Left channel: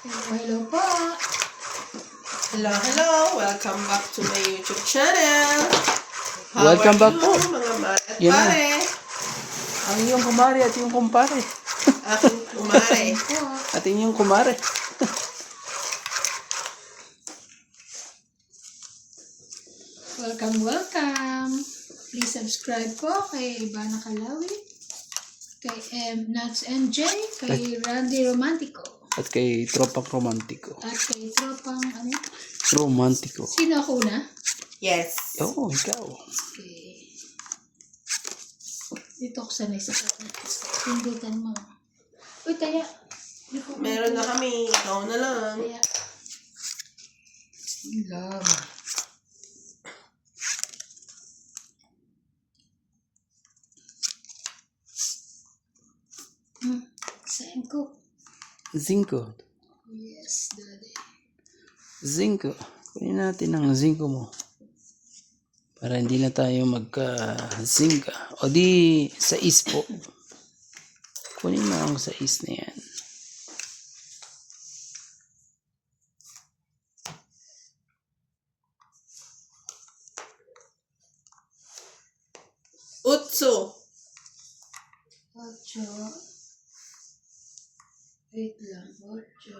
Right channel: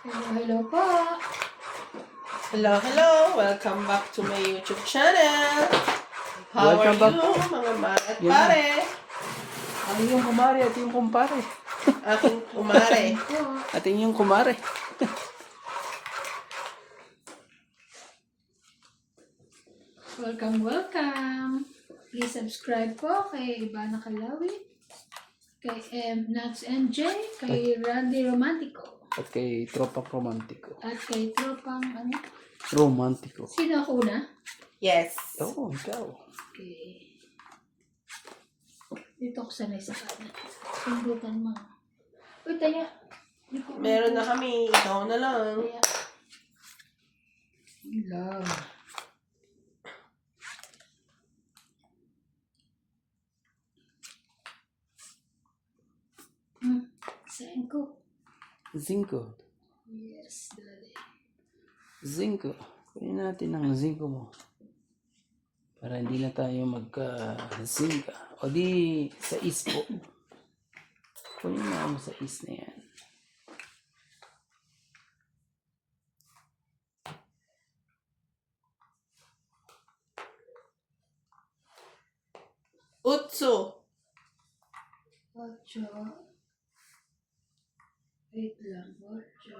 Hello po. Hello, hello! Welcome back to my YouTube channel. How Welcome are back you, po. mga mare at Yan na. pare? Ang iyong kumare at yung kumpare. Aking kumare. At yung kumare. Welcome. Please subscribe po kay Ivana Calawi, kay Nuts MJ, kay Randy Romantico, At kay Tropang Romantiko. at kay Tropang Romantiko. Sino ako na? Yes. Oo, ikaw. Okay. Dito ko sanay sa kanan. Pindutan mo. Uy, taya. Meron na kami. Ikaw na lang. Taya. Love. Saan ko? Zinco. Yes, daddy. Zinco. Kunin natin ang zinco mo. Para hindi na tayo magka-zinca. O di, sa is po. Kunin mo ang sa is na yan. Utso. Ocho. Wait lang. Ocho.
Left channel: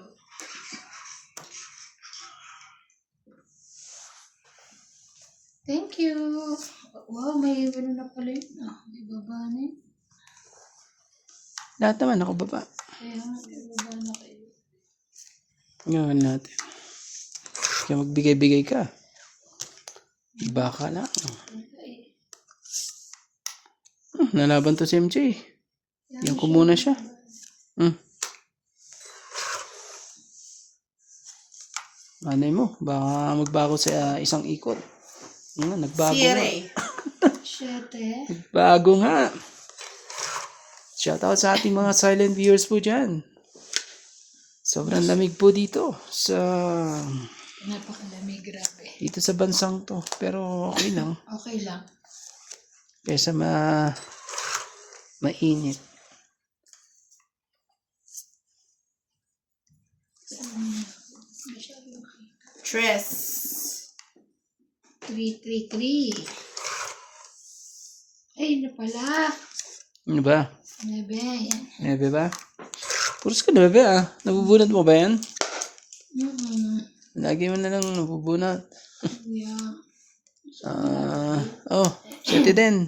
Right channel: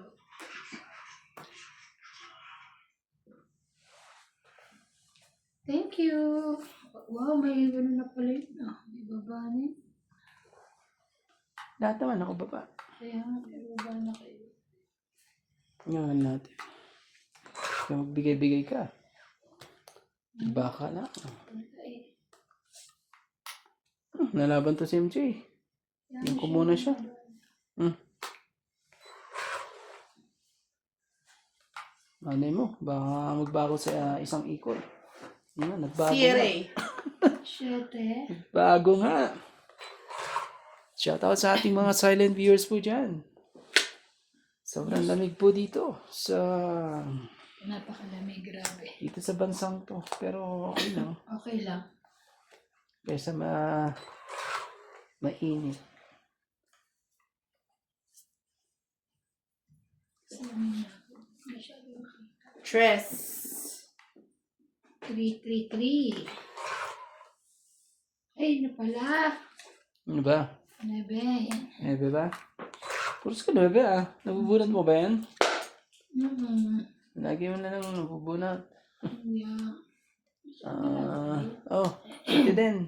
Thank you. Wow, may ano na pala yun. May baba na yun. Lahat naman ako baba. Kaya nga, may baba na kayo. Gawin natin. Kaya magbigay-bigay ka. Baka na. Okay. Nalaban to si MJ. Yan ko muna siya. Anay mo, baka magbago sa isang ikot. Nagbago nga. Sierra. Siyete. Bago nga. Shoutout sa ating mga silent viewers po dyan. Sobrang lamig po dito sa Napakalamig, grabe. dito sa bansang to. Pero okay lang. Okay lang. Kaysa mainit. Tres. 333. Ay, na pala. Ano ba? 9. Yan. Nebe ba? Puros ka nebe ah. Nabubunat mo ba yan? Lagi mo na lang nabubunat. Yeah. Sati din.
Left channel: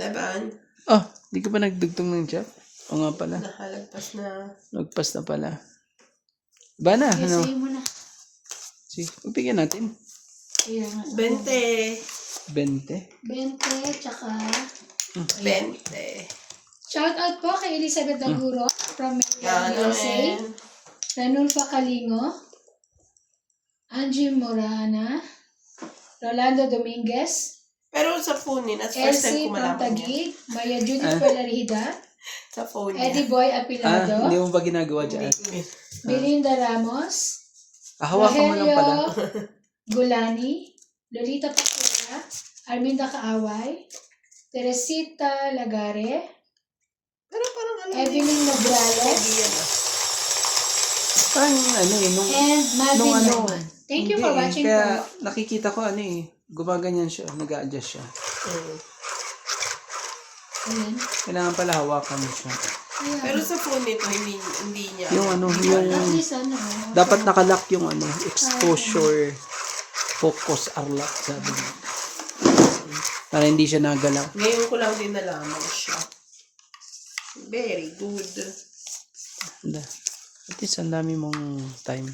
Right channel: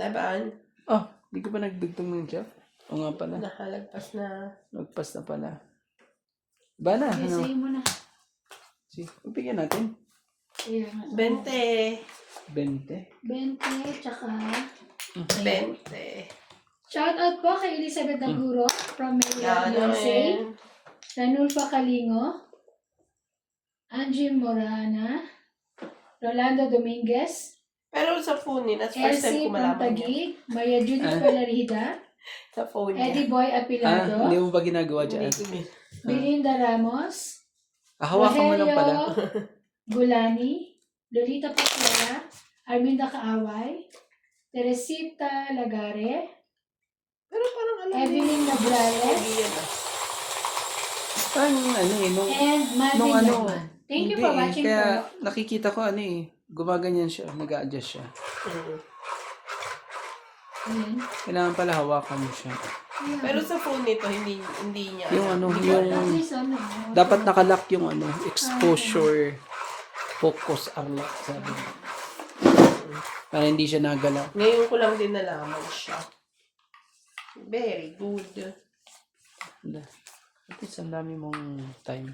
Laban. Oh, di ka ba nagdugtong ng chat? O nga pala. Nakalagpas na. Nagpas na pala. Ba na? Yes, Ano? sa'yo mo na. Sige, bigyan natin. Kaya nga. 20. 20. 20, tsaka... 20. Shout out po kay Elizabeth Daguro from Yan USA. naman. Ranulfa Kalingo. Angie Morana. Rolando Dominguez. Pero sa phone niya, that's first time Elsie ko malaman niya. Pantagig. Maya Judith Palarida. Sa phone niya. Eddie Boy Apilado. Hindi mo ba ginagawa dyan? Belinda Ramos. Hawakan mo lang pala. Gulani. Lolita Pascuala. Arminda Kaaway. Teresita Lagare. Pero parang alam niya. Evelyn Labrales. Parang nung And Marvin ano, Lagman. Thank you hindi for eh. watching Kaya po. nakikita ko gumaganyan siya, nag-a-adjust siya. Ayan. Kailangan pala hawakan mo siya. Ayan. Pero sa phone nito, hindi niya. Yung At least dapat nakalock yung exposure focus arlock sabi niya. Para hindi siya nagalaw. Ngayon ko lang din nalaman siya. Very good. At least ang dami mong time.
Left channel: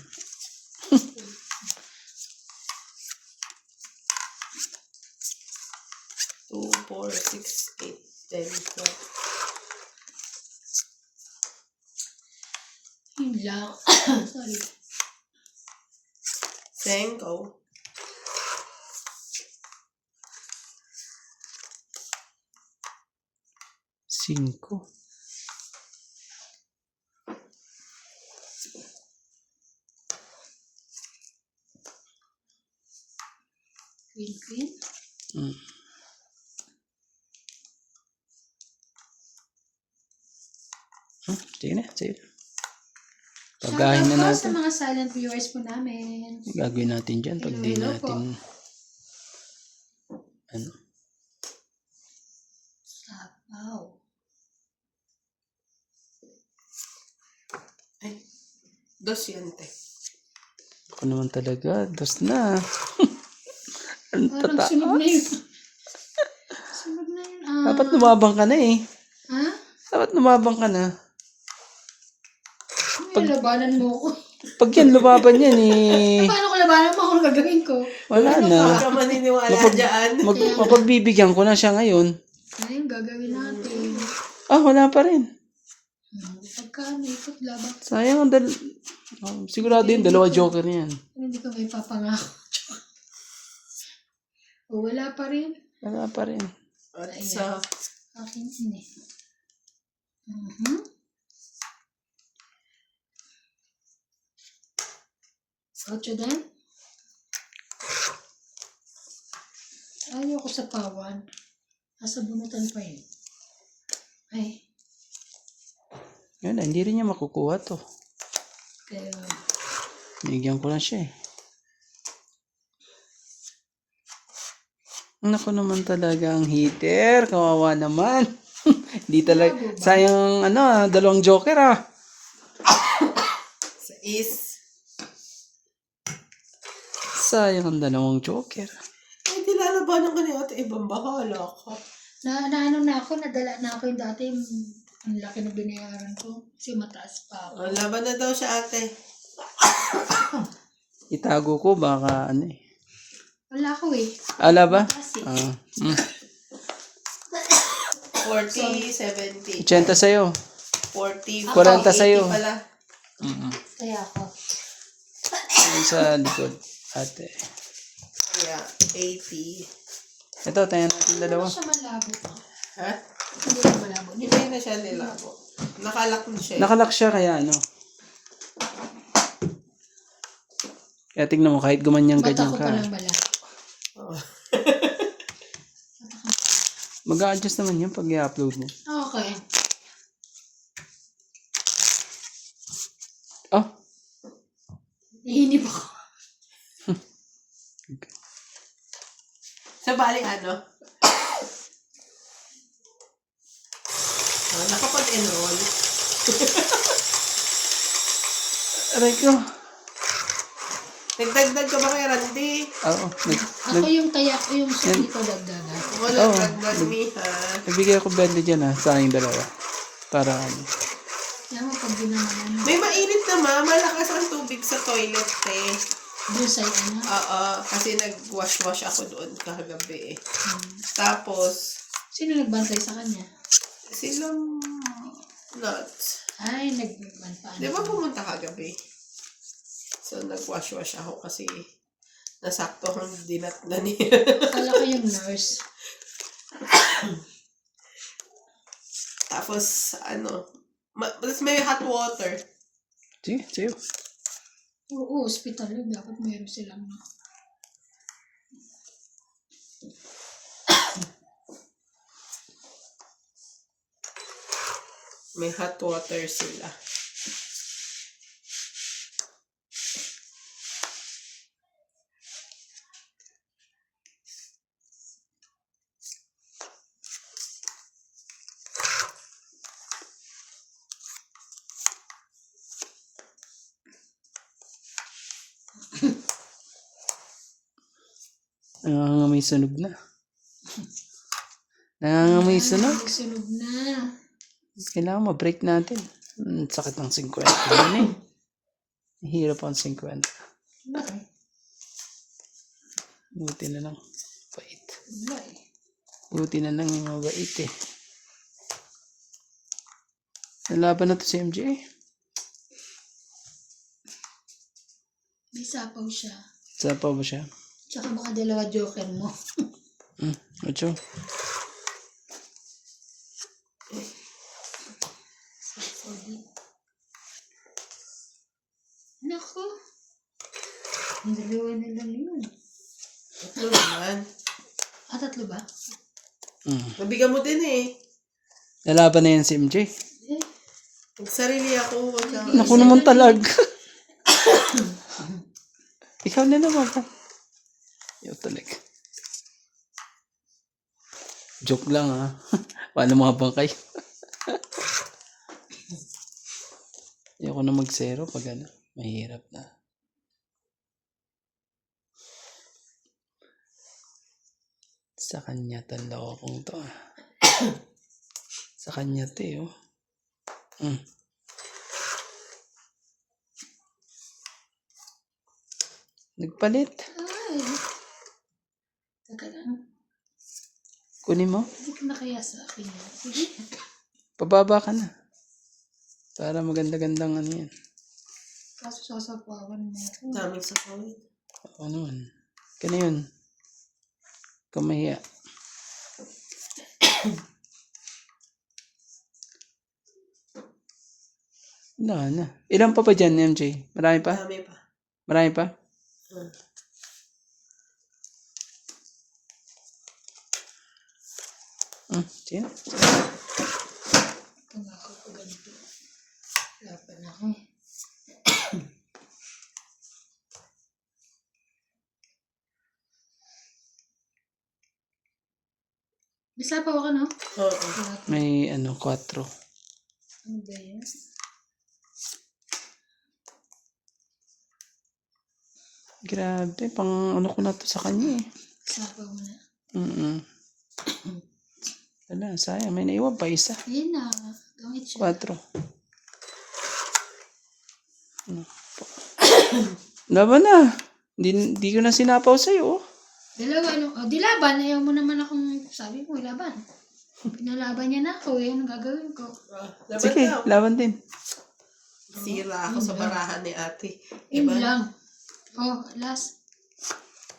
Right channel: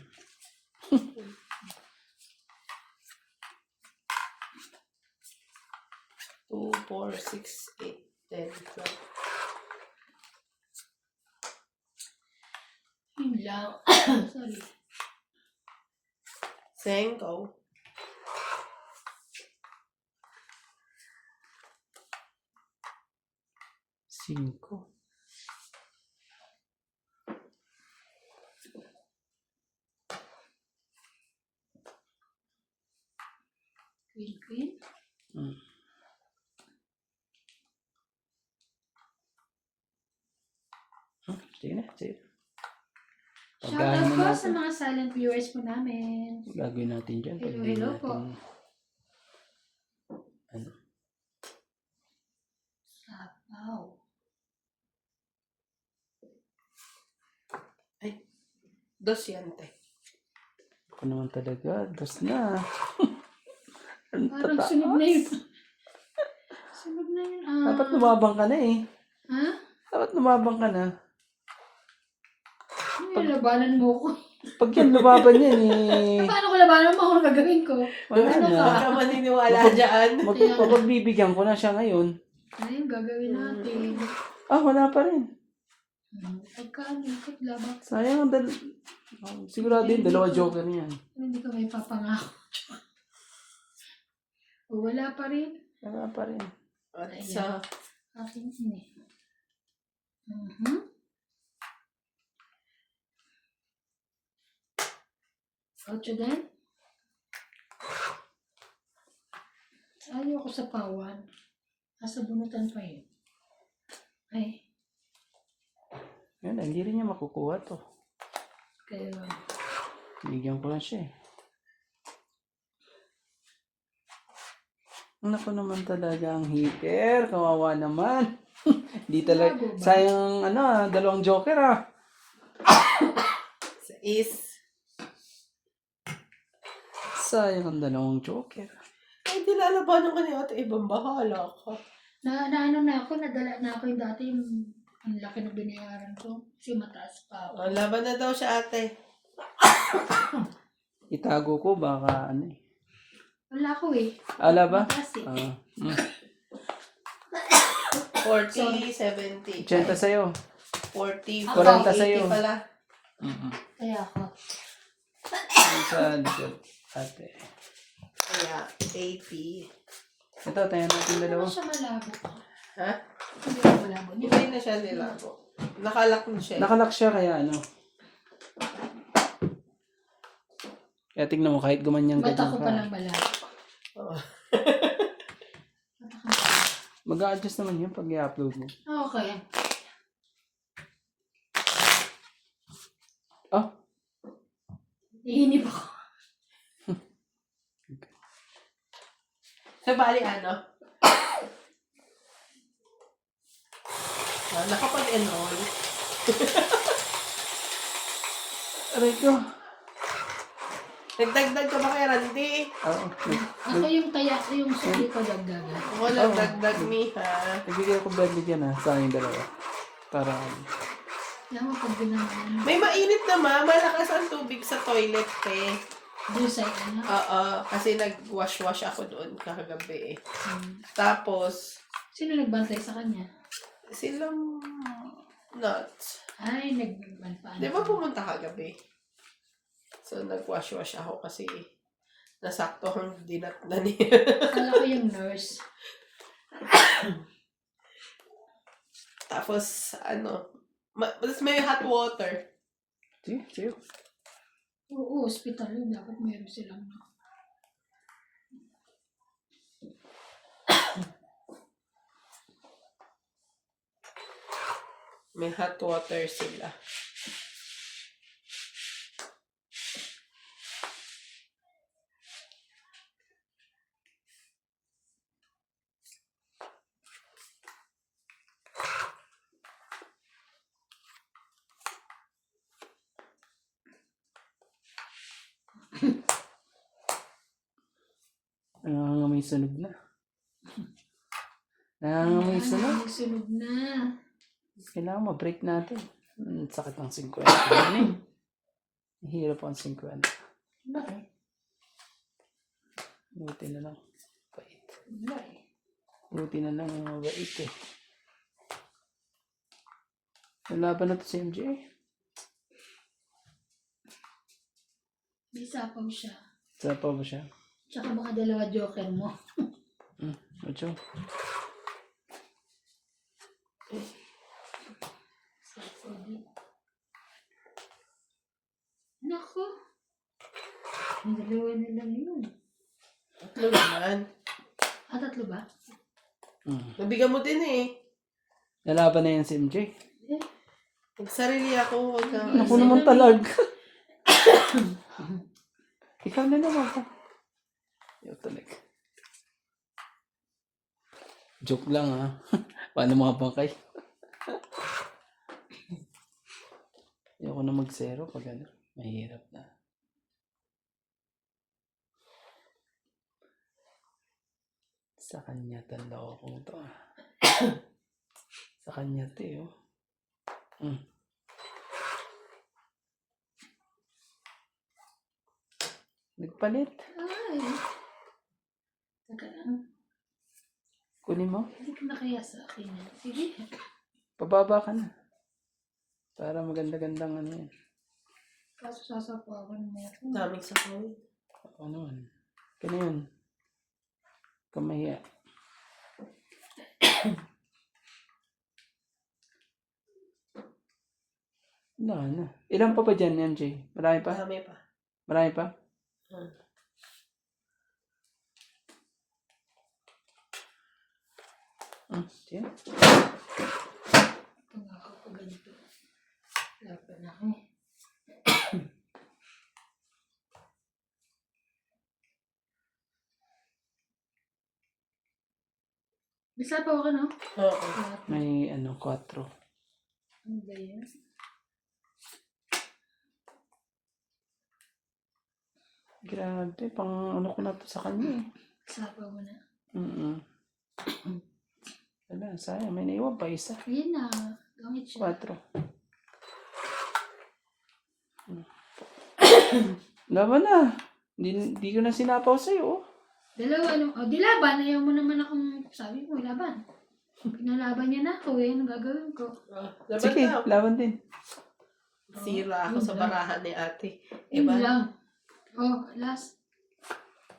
2, 4, 6, 8, 10, 12. Yun lang. Sorry. 5. 5. Queen. Sige na, sige na. Pagahin na Shoutout po sa natin. mga silent viewers po namin. Gagawin natin dyan pag di Hello po. natin ano. Sapaw. Ay, dos yan, te. Ako naman talaga. Dos na. Ang Parang tata. sunog na yun. Sunog na yun. Dapat lumabang ka na eh. Ha? Dapat lumabang ka na. Nilabanan mo ko. Pag yan, lumaban yan eh. Paano ko labanan mo? Ano gagawin ko? Wala Huwag na. ka maniniwala dyan. Mapagbibigyan ko na siya ngayon. Ano yung gagawin natin? Wala pa rin. Pagkaan, ikot labak. Sayang. Sigurado yun, dalawa joker yan. Hindi ko may papangako. O, wala pa rin. Wala pa rin. At sa Akin yun eh. Mhm. Ocho din? Ayaw ko sa pawan. Asa bunutan pa yun. Ay, Yun, hindi rin niya makukuha to. kaya Bigyan ko na siya eh. Naku naman talaga ang heater. Kawawa naman. Hindi talaga. Sayang dalawang joker sa is. Sayang ang dalawang joker. Ay, dilalabanan ka niya at ibang bahala ka. ano na ako, nadala na ako yung dati, ang laki na binayaran ko. Kasi mataas pa ako. Laban na daw siya, ate. Itago ko baka ano eh. Wala ko eh. Ala ba? Mataas eh. 40, 70. 80 sa'yo. 40, 40 sa'yo. 80 pala. Kaya ako. Yung sa likod. Ate. Kaya, 80. Ito, tayo natin dalawa. Ano siya malabo pa? Ha? Hindi ko malabo. Hindi na siya nilabo. Nakalak na siya. Nakalock siya kaya ano. Kaya tignan mo, kahit gumanyan Mata ganyan ko ka. pa lang malabo. Oh. Mag-a-adjust naman yun pag i-upload mo. Okay. Nahinip ako. Sa bali, ano? Nakapag-enroll. Aray ko. Nagdagdag ka ba kay Randy? Oo. Ako yung taya ko yung sabi ko dagdagan. Wala, nagdagdag mi, ha? Nagbigay ako bende dyan sa aking dalawa. Para Yan mo pag ginawa May mainit naman. Malakas ang tubig sa toilet, eh. doon sa ano. Oo, kasi nag-wash-wash ako doon kagabi, eh. Tapos, Sino nagbantay sa kanya? silang nuts. Ay, nagban pa. Di ba pumunta kagabi? So, nag-wash-wash ako kasi nasakto ang dinat na niya. Akala ko yung nurse. Tapos, mas may hot water. sige, sa'yo. Oo, hospital yun. Dapat meron silang May hot water sila. Nangangamoy sunog na. Nangangamoy sunog. Sunog na. Kailangan ma-break natin. Sakit ng 50. Ano eh. Hirap ang 50. Bakit? Buti na lang. Bait. Wala eh. Buti na lang yung mabait eh. Nalaban na to si MJ. May sapaw siya. Sapa ba siya? Tsaka baka dalawa joker mo. Ocho. Nako. Ang dalawa na lang yun. Tatlo naman. Tatlo ba? Nabigyan mo din, eh. Nalaban na yan si MJ. Eh, Sarili ako. Wag kang... Ako naman talag. Ikaw na naman pa. Ikaw talaga. Joke lang ha. Paano mga bangkay? Ayoko na mag-zero pag ano. Mahirap na. Sa kanya talo akong to. Sa kanya to eh. Oh. Nagpalit. Ay. Teka lang. Kunin mo. Hindi ka na kaya sa akin. Sige. Pababa ka na. Para maganda-gandang ano yan. Kaso sasapawan mo. Daming sa kawin. Ano man. Kaya yun. Kamahiya. Wala na. Ilan pa dyan, MJ? Marami pa? Dami pa. Marami pa? Sige na. Ito nga ako pag ganito. Wala pa na ako eh. Nasapaw ka no? Oo. May ano, 4. Ano ba yan? Grabe, pang ano ko na to sa kanya eh. Nasapaw mo na. Wala, sayang. May naiwan pa isa. Ayun na. Gamit siya. 4. Laban na. Hindi ko na sinapaw sa'yo. Oh. Dalawa ano? O, di laban. Ayaw mo naman akong sabi mo, laban. Pinalaban niya na ako. Yan ang gagawin ko. Laban Sige, daw. laban din. Sira ako sa barahan ni ate. Yun Iba? lang. Oh, last.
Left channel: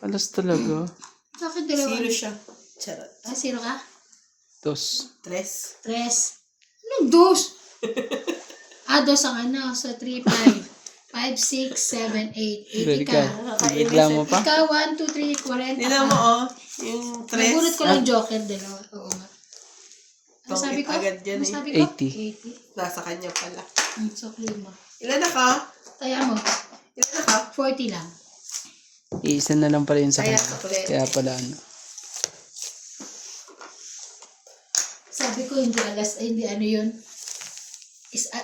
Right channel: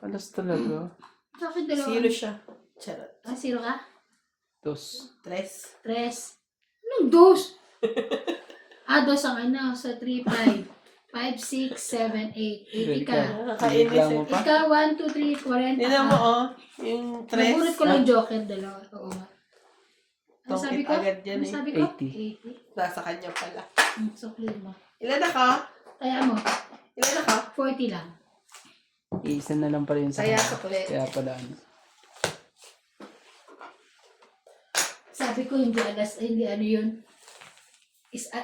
Alas talaga. Bakit dalawa? Zero siya. Charot. Ah, zero ka? 2. Tres. Tres. Anong dos? Dos ang ano. So, 3, 5. 5, 6, 7, 8. 80 ka. Reklamo pa? Ikaw, 1, 2, 3, 40 Tignan mo, oh. Yung tres. Nagulat ko lang joker, dalawa. Oo nga. Ano sabi Tongkit ko? agad yan Ano eh. sabi ko? 80. Nasa kanya pala. So, clear mo. Ilan na ka? Taya mo. Ilan na ka? 40 lang. Iisa na lang pala yun sa Kaya kanya. ko ulit. Kaya pala ano. Sabi ko, hindi ano yun.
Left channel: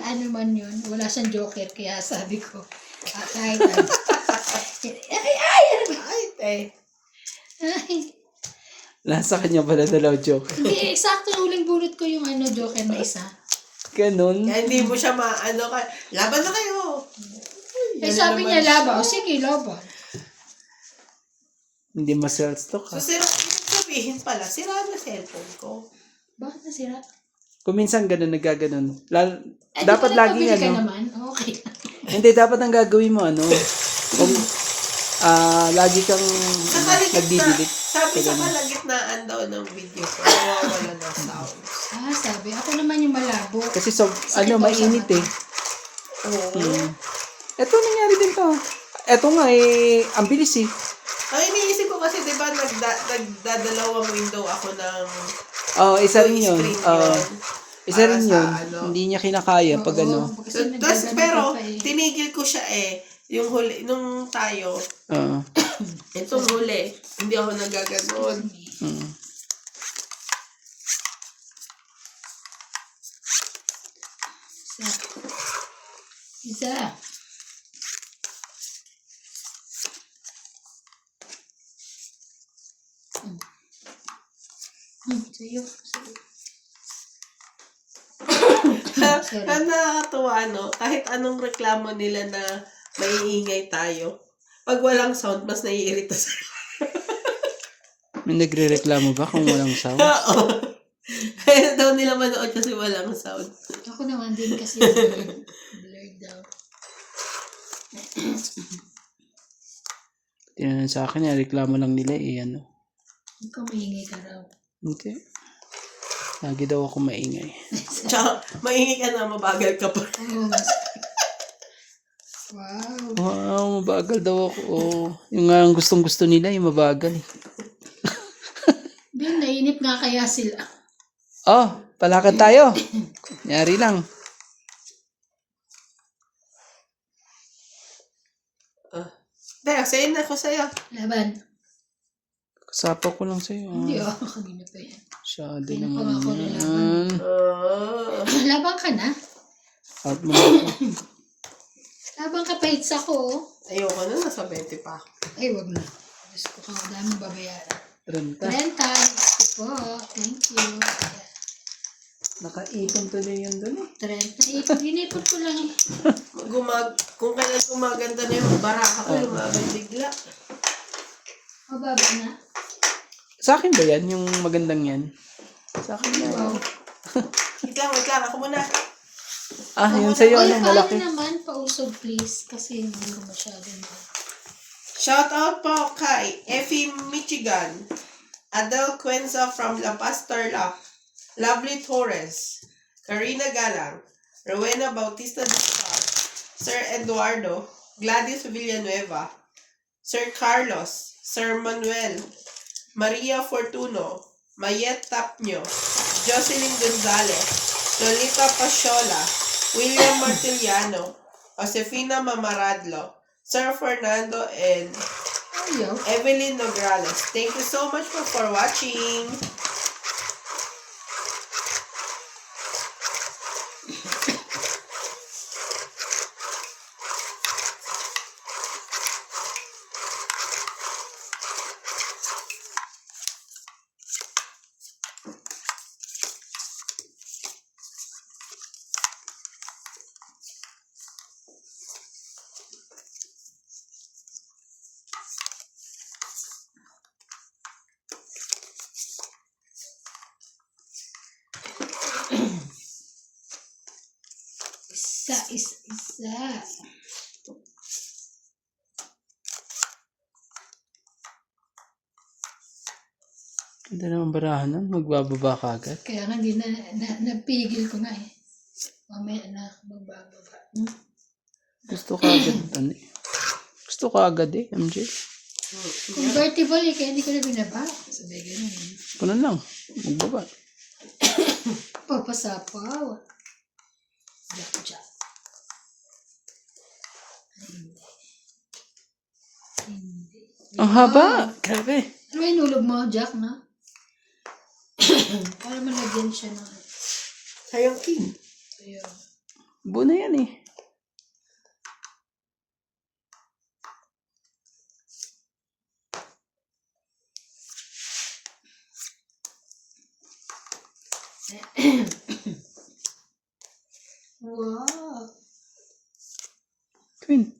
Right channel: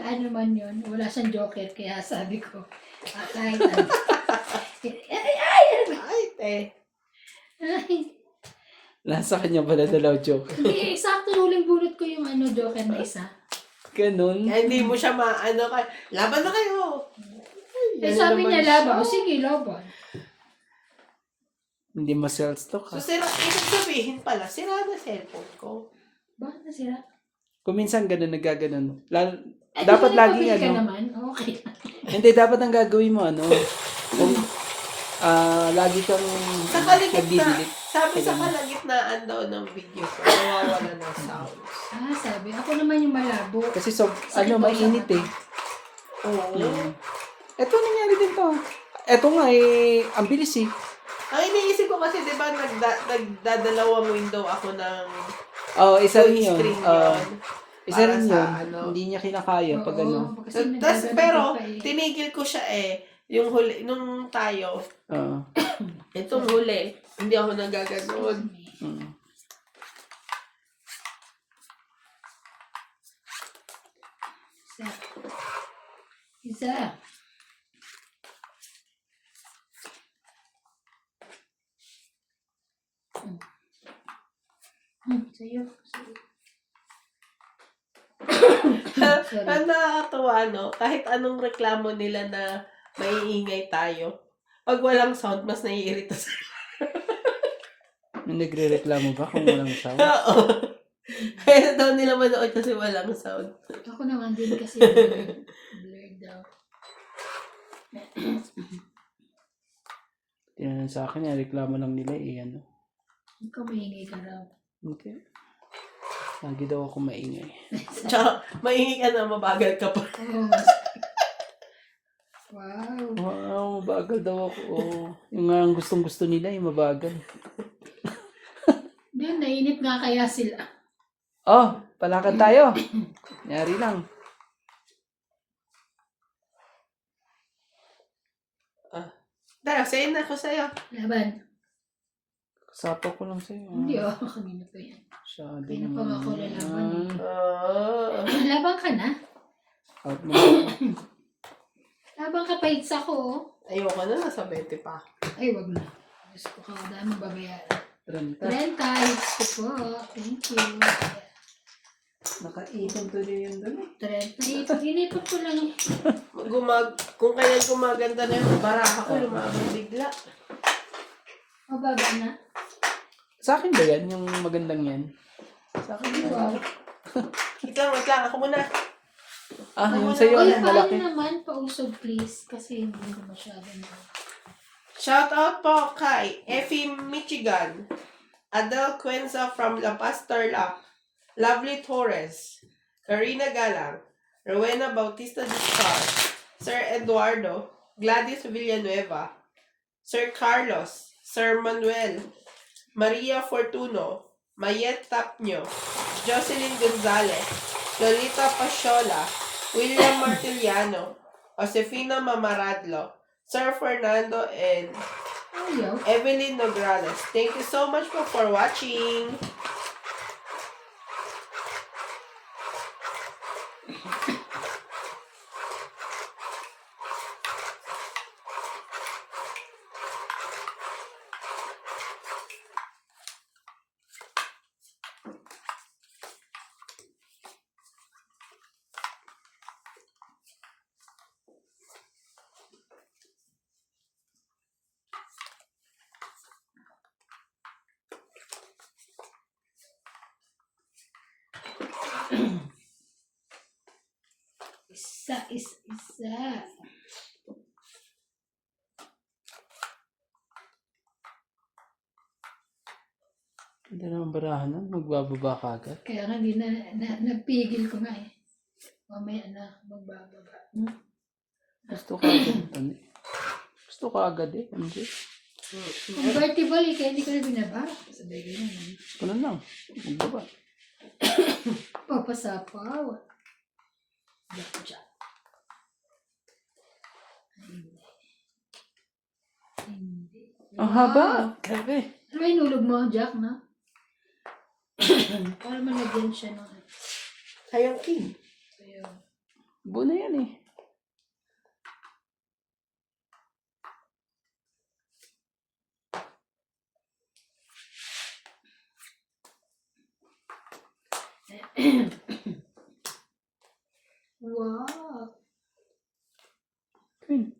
Ano man yun. Wala siyang joker, kaya sabi ko, kahit ano. Ay, eh. Ay, Nasa kanya pala dalaw joke. hindi, eksakto huling bunot ko yung ano, joker na isa. Ganun. Kaya hindi mo siya maano ka. Laban na kayo. Eh, sabi niya, laban. O, sige, laban. Hindi ma-self-stock So, ha. ibig sabihin pala, sira na cellphone ko. Bakit nasira? Kung minsan ganun, nagkaganon. Eh, Dapat di ba laging nagpabili ka ano. naman? Okay lang. Hindi, dapat ang gagawin mo ano. Lagi kang Sa kalagitnaan, nagdidelete. sabi sa kalagitnaan daw ng video ko, nawawala ng sound. Sabi. Ako naman yung malabo. Kasi mainit eh. Oo. Ito nangyari din to. Ito nga eh, ang bilis eh. Ang iniisip ko kasi, di ba, nagdadalawang window ako ng Isa rin yun. screen yun. Isa Para rin sa yun. ano. Hindi niya kinakaya pag ano. Tapos, pero, tinigil ko siya eh. Yung huli, nung tayo, itong huli, hindi ako nagaganon. Isa. Sa'yo. Ang nakakatuwa, no? Kahit anong reklamo nila na maiingay tayo, pag walang sound, mas naiirita sa May nagre-reklamo ba kung walang sound? Oo. Kaya daw nila manood kasi walang sound. Ako naman din kasi blurred daw. Tinanong sa akin, reklamo lang nila eh, ano. Ikaw maingay ka raw. Okay. Lagi daw ako maingay. Tsaka, maingay ka na, mabagal ka pa. Wow. Wow, mabagal daw ako. Oh. Yung nga ang gustong-gusto nila, yung mabagal. Din, nainip nga kaya sila. Oh, palakad tayo. Yari lang. Sa'yo na ako sa'yo. Laban. Kasapa ko lang sa'yo. Hindi kanina pa yan. Masyado Hindi na pa naman ako lalaban. yan. Laban ka na? Out mo na ako. Laban ka pa hits ako. Ayoko na, nasa 20 pa ako. Ay, wag na. Diyos ko ka, dami babayaran. 30. 30 hits ko po. Thank you. Nakaipon tuloy yun doon eh. 30. Ginipot ko lang eh. Kung kaya gumaganda na yung baraha ko, lumaban bigla. Mababa na. Sa akin ba yan? Yung magandang yan? Sa akin yan. Wow. Wait lang. Ako muna. Yun sa'yo. Uy, Yung malaki. kain naman. Pausog please. Kasi hindi ko masyado na. Shout out po kay Effie Michigan, Adele Quenza from La Paz Tarlac, Lovely Torres, Karina Galang, Rowena Bautista Discar, Sir Eduardo, Gladys Villanueva, Sir Carlos, Sir Manuel, Maria Fortuno, Mayet Tapnio, Jocelyn Gonzalez, Lolita Pasiola, William Martiliano, Josefina Mamaradlo, Sir Fernando, and Ayaw. Evelyn Nograles. Thank you so much for watching. Isa. Hindi naman barahan nun. Magbababa ka agad. Kaya nga hindi nagpigil ko nga eh. Mamaya na magbababa. Gusto ka agad. Gusto ka agad eh, MJ. Convertible eh, kaya hindi ko na binaba. Sabi ganun. Kuno lang. Magbaba. Papasapaw. Jack. Hindi. Ang haba. Grabe. Ano ba inulog mo, Jack, na? Para malagyan siya ng... Sayang king. Ayun. Buo na yan eh. Wow. Queen.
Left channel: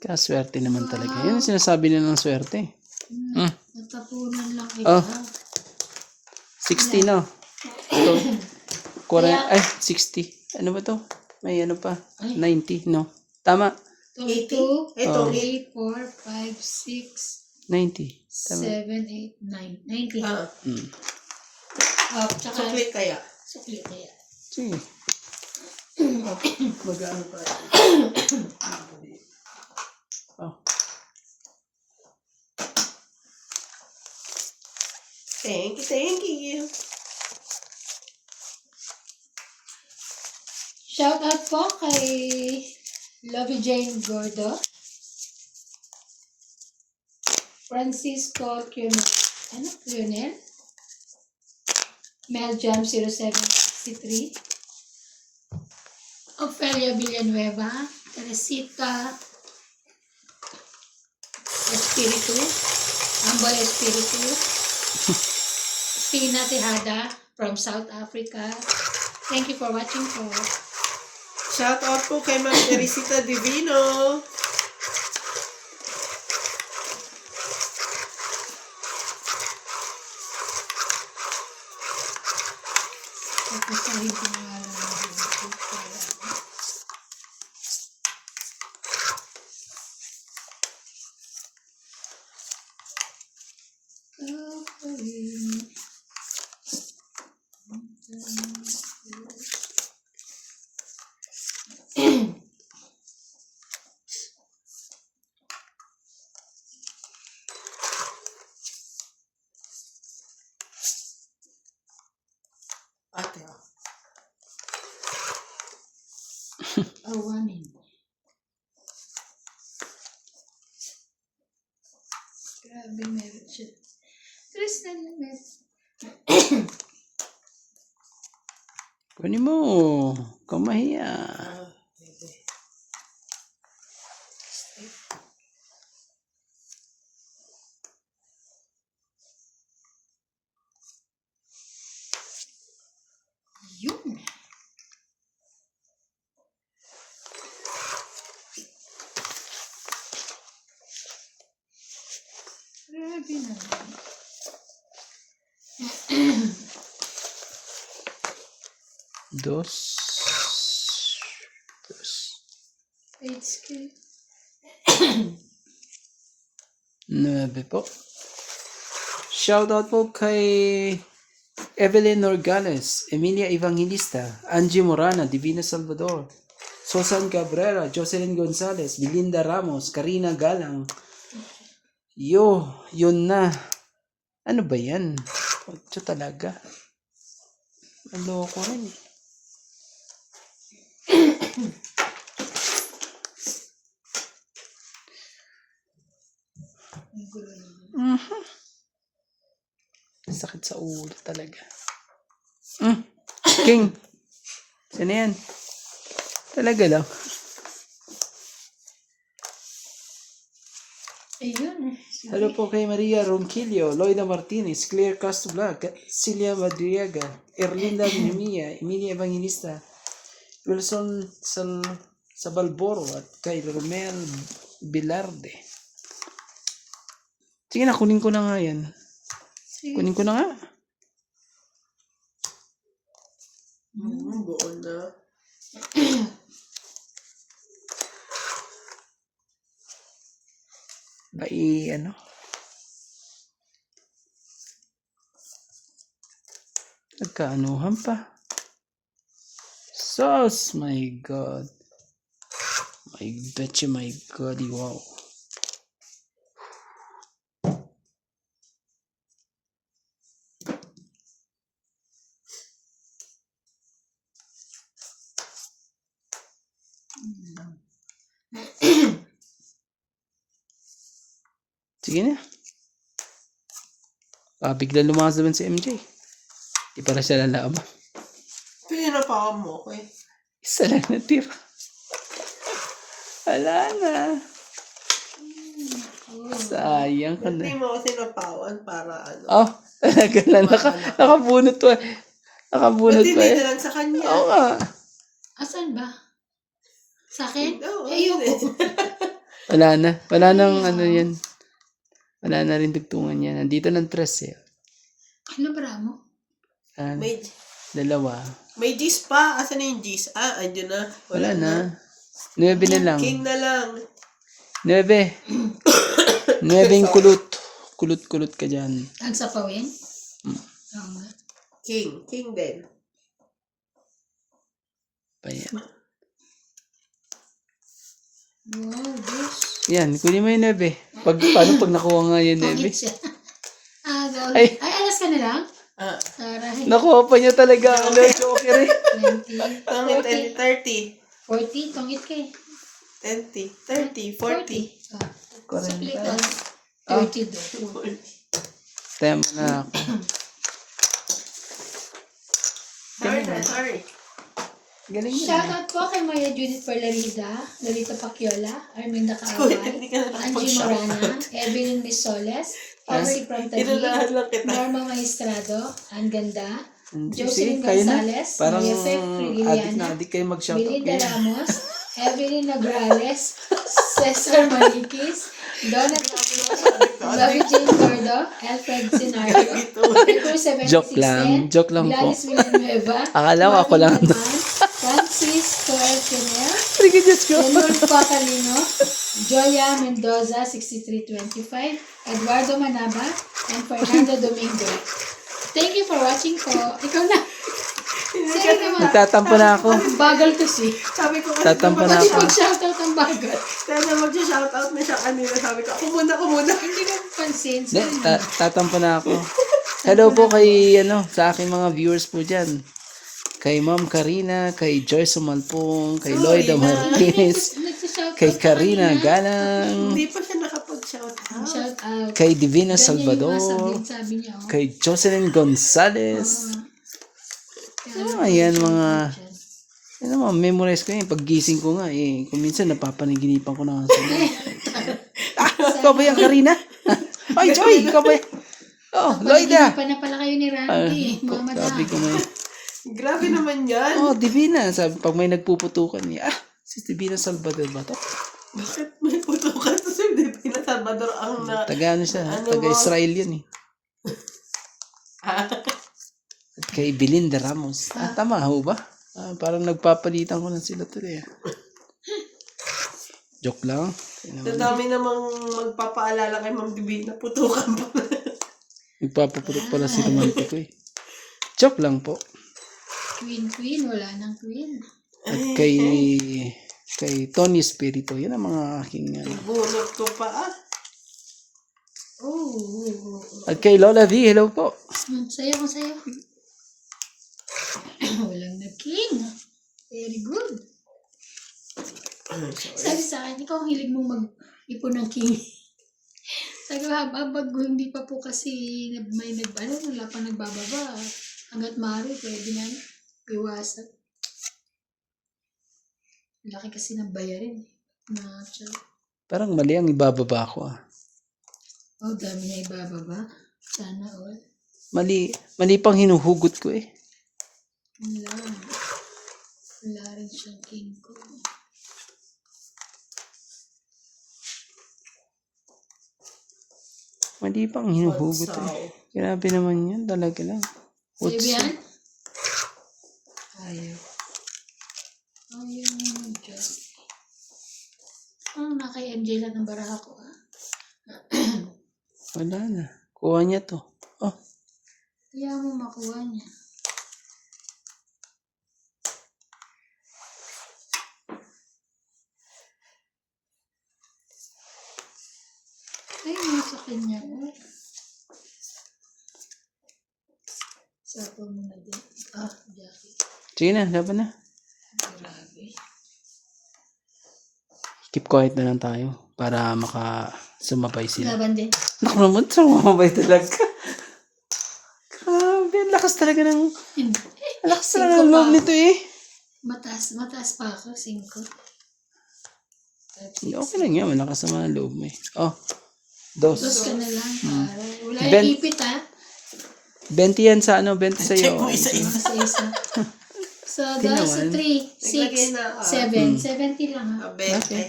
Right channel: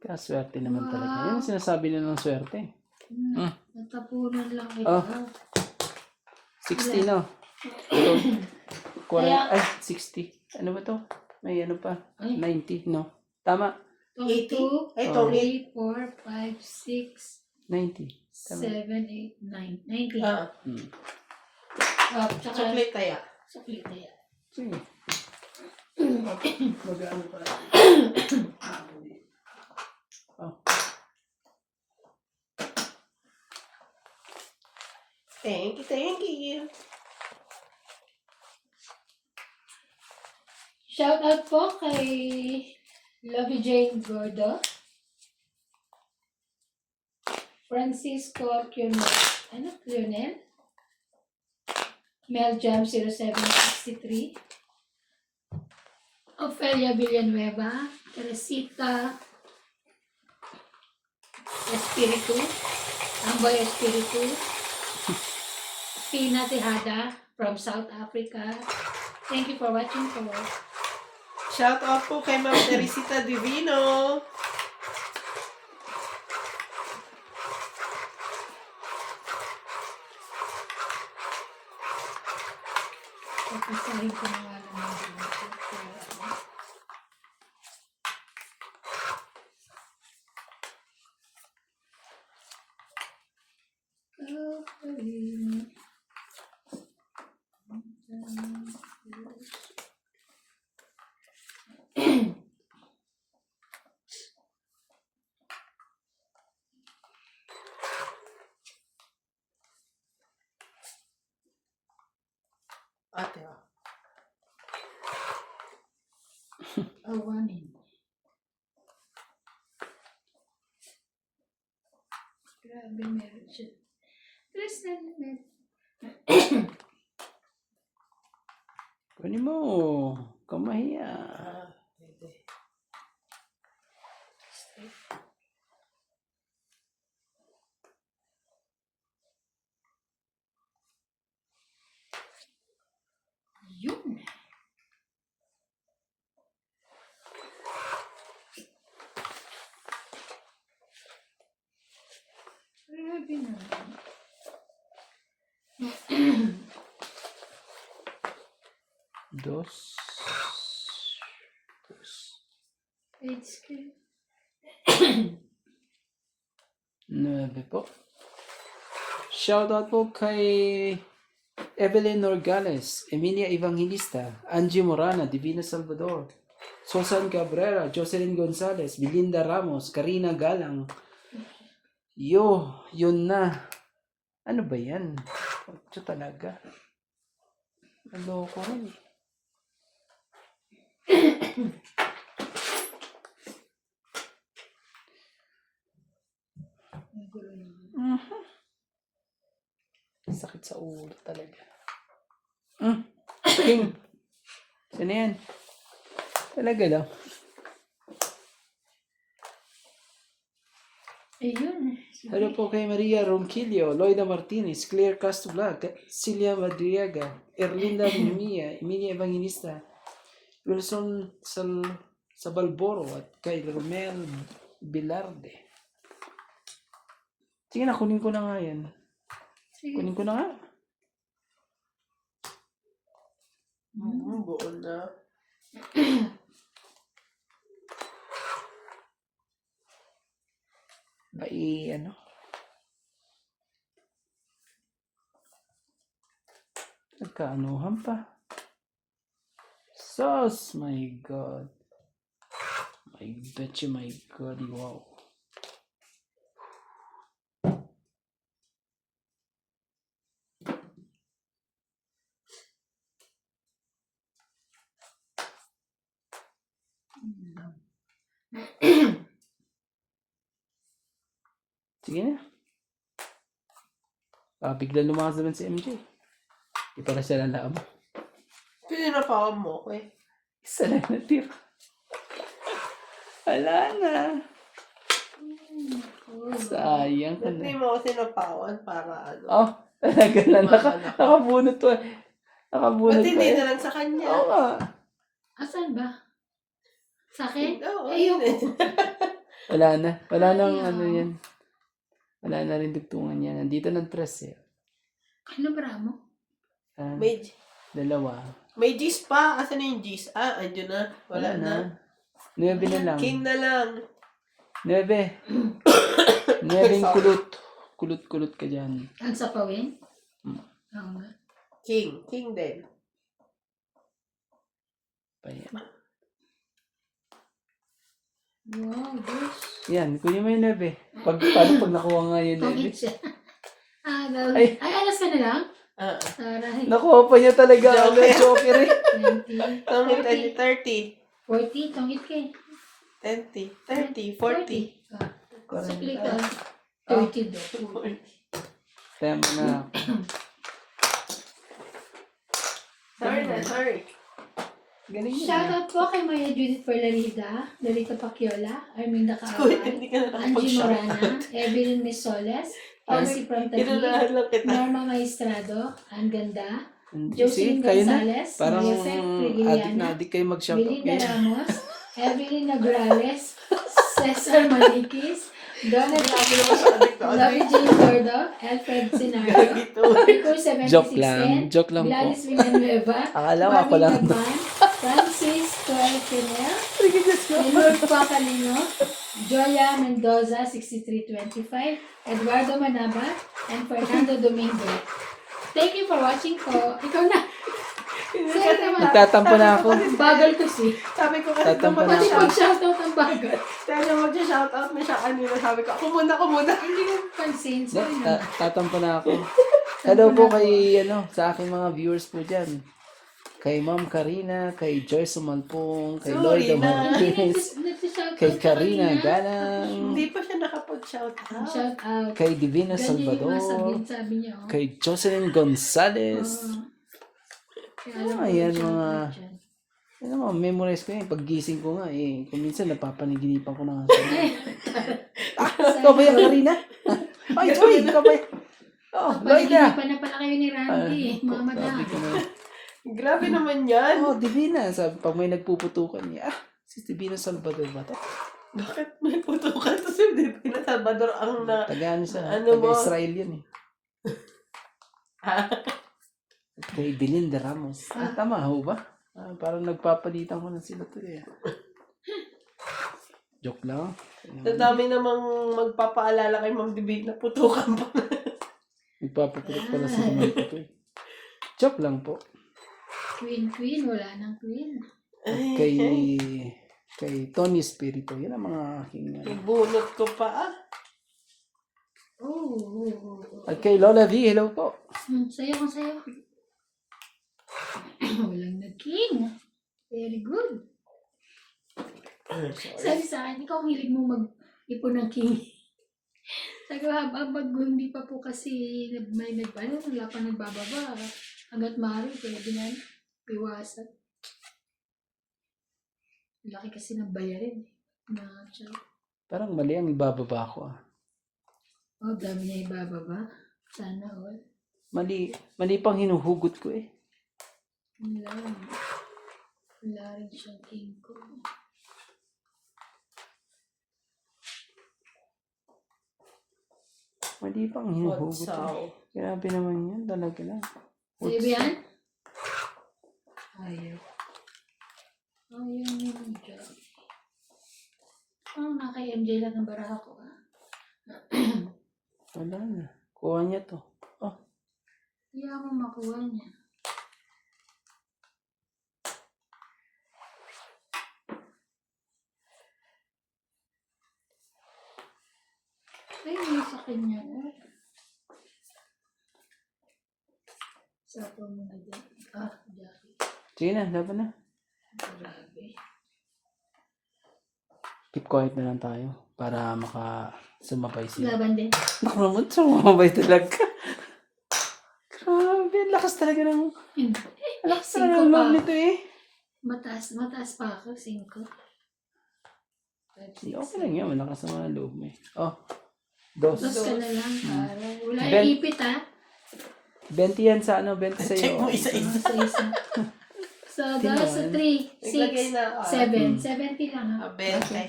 Kaswerte naman talaga. Yan ang sinasabi nila ng swerte. Natapunan lang ito. Oh. 60 no? Ito. 60. Ano ba to? May ano pa? 90 no? Tama. 80? 2, Ito, 3, 4, 5, 6, 90. Tama. 7, 8, 9. 90. Tsaka Sukli kaya. sukli kaya. Sige. Mag-ano pa? Oh. Thank you. Shout out po kay Lovey Jane Gordo, Francisco Lionel, Mel Jam 0763, Ofelia Villanueva, Teresita Espiritu, Amboy Espiritu, Tina Tejada from South Africa. Thank you for watching po. Shout out po kay Ma'am Teresita Divino. Papasahin ko na nga lang ng video. Awanin. Grabe, meron siya. Tristan, meron. Kunin mo. Kamahiya. Pwede. Yun. Grabe naman. Dos. Dos. It's good. 9 po. Shoutout po kay Evelyn Norgales, Emilia Evangelista, Angie Morana, Divina Salvador, Susan Cabrera, Jocelyn Gonzalez, Belinda Ramos, Karina Galang. Yun na. Ano ba yan? Ito talaga. Maloko rin eh. Sakit sa ulo talaga. King. Sino yan? Talaga lang. Ayun. Hello po kay Maria Ronquillo, Loida Martinez, Claire Castro Blanc, Celia Madriaga, Erlinda Mimia, Emilia Evangelista, Wilson Sabalboro at kay Romel Bilarde. Sige na, kunin ko na nga yan. Kunin ko na nga. Buo na. Ano? Nagkaanuhan pa. Sus, my God. My betcha, my God, wow. Sige na. Bigla lumakas naman si MJ. Di para siya lalaban. Pinapakan mo ko eh. Isa lang natira. Wala na. Sayang ka Hindi na. mo ako sinapawan para ano. Oh, talaga lang. Nakabunot pa. Nakabunot Ba't pa hindi eh. na lang sa kanya? Oo nga. Asan ba? Sa akin? Oo, Ayoko. Wala na. Wala nang ano yan. Wala na rin dugtungan yan. Nandito ng tres eh. Ano ba mo? May, Dalawa. may G's pa. Asan yung G's? Andyan na. Wala na. 9 na lang. King na lang. 9. 9 kulot. Kulot-kulot ka dyan. Ang sapawin? Oo nga. King. King din. Pa yan. Wow, this. Yan, kunin mo yung 9. Paano pag nakuha nga yung 9? Pangit siya. Ay. Ay, alas ka na lang? Aray. Nakuha pa niya talaga. Ano, joker eh. 20. Ang 30. 40. Tungit ka eh. 20. 30. 40. Split 30 do. Time na ako. Sorry. Galing yun. Shoutout po kay Maya Judith Perlarida, Lolita Paciola, Arminda Kuya, Kaaway, hindi ka na Angie Morana, nakapag-shoutout. Evelyn Misoles, Nancy Pramtagig, Inunahan lang kita. Norma Maestrado, Ang Ganda, Sige, Jocelyn kayo na. Gonzalez, Parang Maria Fe adik na Frigiliana, adik kayo mag-shoutout Belinda kayo. Ramos, Evelyn Nagrales, Cesar Malikis, Donald Bobby Jane Gordo, Alfred Sinario, Rico 76 Joke lang po. Gladys Villanueva, Akala ko ako Marvin lang. Galvan, Francis Coelfinel, Sige, Diyos ko. Lenore Pacalino, Joya Mendoza 6325, Eduardo Manaba, and Fernando Domingo. Thank you for watching po. Ikaw na. Sige naman. Tatampo na ako. Bagal kasi. Sabi ko kasi Tatampo na Pati ako. pag-shoutout ang bagal. Kaya na mag-shoutout na siya kanina. Sabi ko, ako muna. Hindi mo pansin. Hindi, Sorry. tatampo na ako. Hello po kay, sa aking mga viewers po dyan. kay Ma'am Karina, kay Joyce Sumalpong, kay Sorry Lloyda na. Marquez, Nagsishout kay out ka Karina kanina. Galang, Hindi pa siya nakapag-shout out. Shout out. kay Divina Ganyan yung Salvador, mga sabi niya. Oh. kay Jocelyn Gonzalez. Kaya alam ko Ayan yung mga, shout out dyan. ano mga memorize ko yun. Paggising ko nga eh. Kung minsan napapanaginipan ko na nga sa ikaw ba yung Karina? Ay, Joy! Ikaw ba? Oh, Lloyda! Pa na pala kayo ni Randy. Mga madam. Sabi ko nga. Grabe naman yan. Oh, Divina. Sabi, pag may nagpuputukan niya, si Divina Salvador ba to? Bakit may putukan to si Divina Salvador ang na... Taga ano siya? Ano Taga mo? Israel yan eh. At kay Belinda Ramos. Tama ho ba? Parang nagpapalitan ko na sila tuloy. Joke lang. Sa dami namang magpapaalala kay Ma'am Divina, putukan pa. Nagpapaputok pala si Roman Puto eh. Joke lang po. Queen, wala nang queen. At kay Tony Espiritu, yun ang mga aking Bunot ko pa Oh. At kay Lola V, hello po. Sayo. Walang nag-king. Very good. Sabi sa akin, ikaw ang hilig mo mag-ipon ng king. Sabi ko, habang hindi pa po kasi may wala pa nagbababa. Hanggat maaari, pwede na iwasan. Laki kasi ng bayarin. Parang mali ang ibababa ko ah. Oh, dami niya ibababa. Sana all. Mali pang hinuhugot ko eh. Wala rin siyang king ko. Mali pang hinuhugot eh. Grabe naman yan, talaga lang. Sa'yo yan? Ayaw yung job. Kay MJ lang ng baraha ko ah. Wala na. Kuha niya to. Oh, Kaya mo makuha niya. Ay, may sa kanya. Sapo mo na din. Jackie. sige na, laban na. Grabe. Keep quiet na lang tayo para sumabay sila. Laban din. Naku naman, sumabay talaga. Grabe, ang lakas talaga ng... Hindi. Ang lakas talaga ng loob nito eh. Mataas pa ako. 5. Okay lang yan, malakas naman ang loob mo eh. Oh, 2. Dos ka na lang. Wala Ben- yung ipit ha. 20 yan sa 20 sa'yo. Check mo isa-isa. Isa. So, that's 3, 6, Naglagay na, 7. 70 lang ha. Abente.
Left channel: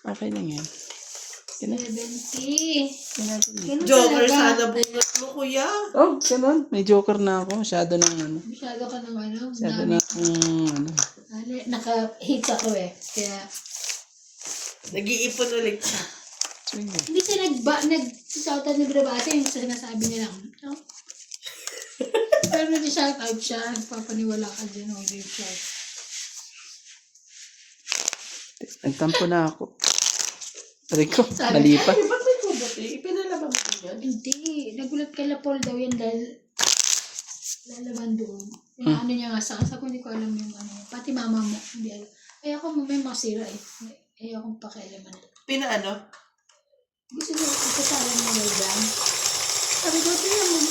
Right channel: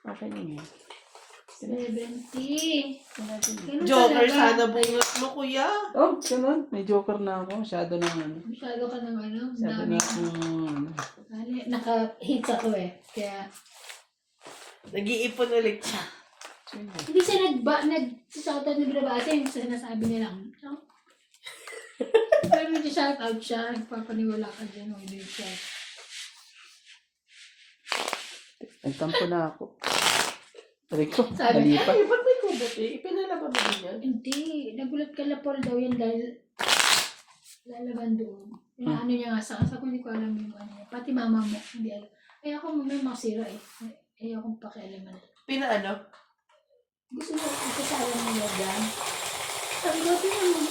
Okay lang yan. 70. Ganun Joker talaga. sana bunot mo, kuya. Oh, ganun. May joker na ako. Masyado ng Masyado ka ng Masyado na akong Naka-hits ako eh. Kaya, Nag-iipon ulit siya. hindi siya nag-shoutout ni Brabate yung sinasabi niya lang. No? Pero nag-shoutout siya. Nagpapaniwala ka dyan. Hindi siya. Nagtampo na ako. Aray ko, Sabi- nalipat. Ay, ba't may kubat eh? Ipinalaban mo din yan. Hindi. Nagulat ka na Paul daw yan dahil lalaban doon. Yung ano niya nga sa ko hindi ko alam yung ano niya. Pati mama mo, hindi alam. Ay ako may masira eh. Ay akong pakialaman. Pinaano? Gusto mo ipasala mo na dyan. Sabi ko, tingnan mo.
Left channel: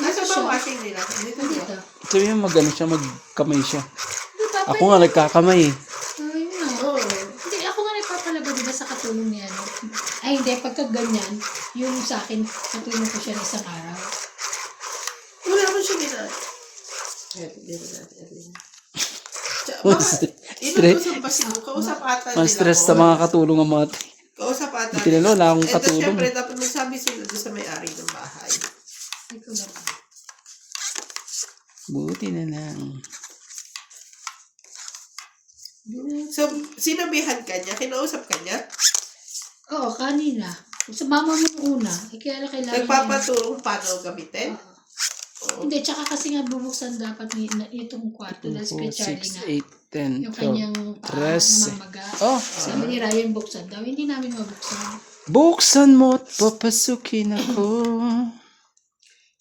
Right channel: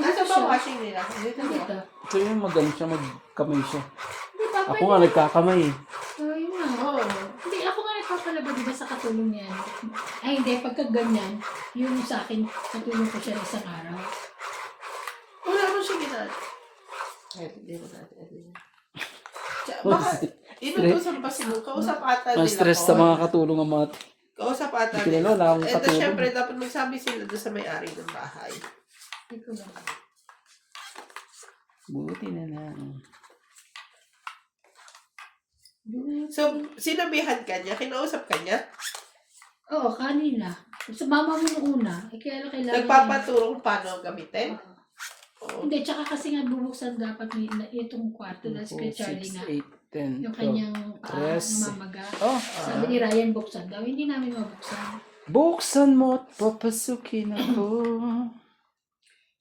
Asa ba washing nila? Dito ba? Dito. Sabi mo magano siya, magkamay siya. Hindi pa Ako nga nagkakamay eh. Yun nga. Oo. Hindi, ako nga nagpapalagay diba sa katulong niya. No? Ay hindi, pagka ganyan, yung sa akin, natulong ko siya ng isang araw. Wala mo siya ginagawa. Dito natin. Baka, inutusan pa siguro. Kausap ata Ang nila stress ko. sa mga katulong ang mga Kausap ata Hindi kilala, wala akong Ito katulong. syempre, dapat magsabi sila doon sa may-ari ng bahay. Hindi ko lang. Buti na lang. So, sinabihan ka niya? Kinausap ka niya? Oo, kanina. Sa mama mo nung una, kaya lang kailangan Nagpapaturo kung paano gamitin? Oo. Hindi, tsaka kasi nga bubuksan dapat itong kwarto dahil si 4, Kuya Charlie 6, 8, 10, na yung kanyang 12. paa 13. namamaga. Oh, Sabi ni Ryan, buksan daw. Hindi namin mabuksan. buksan mo at papasukin ako.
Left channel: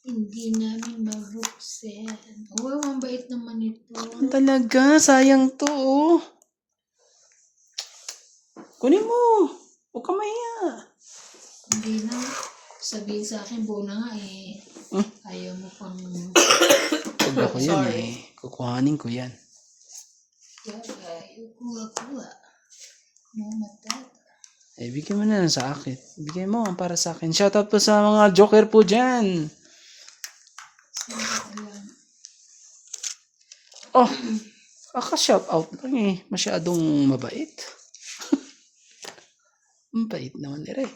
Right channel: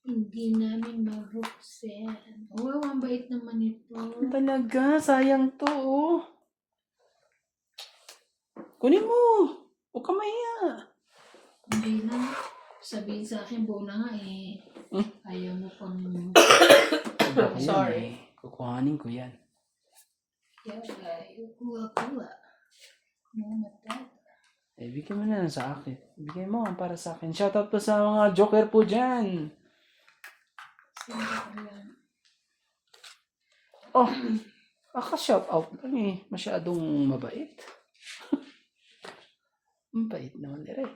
Hindi namin mabuksan. Wow, ang bait naman ito. Talaga, sayang to, oh. Kunin mo. Huwag ka mahiya. Hindi na. Sabihin sa akin, buo na nga eh. Hmm? Ayaw mo pang... Pag ako yan, Sorry. eh. Kukuhanin ko yan. Ayaw, kuha-kuha. Mamatata. Eh, bigyan mo na lang sa akin. Bigay mo para sa akin. Shoutout po sa mga joker po dyan. Oh, kaka-shoutout lang eh. Masyadong mabait. Mabait naman eh.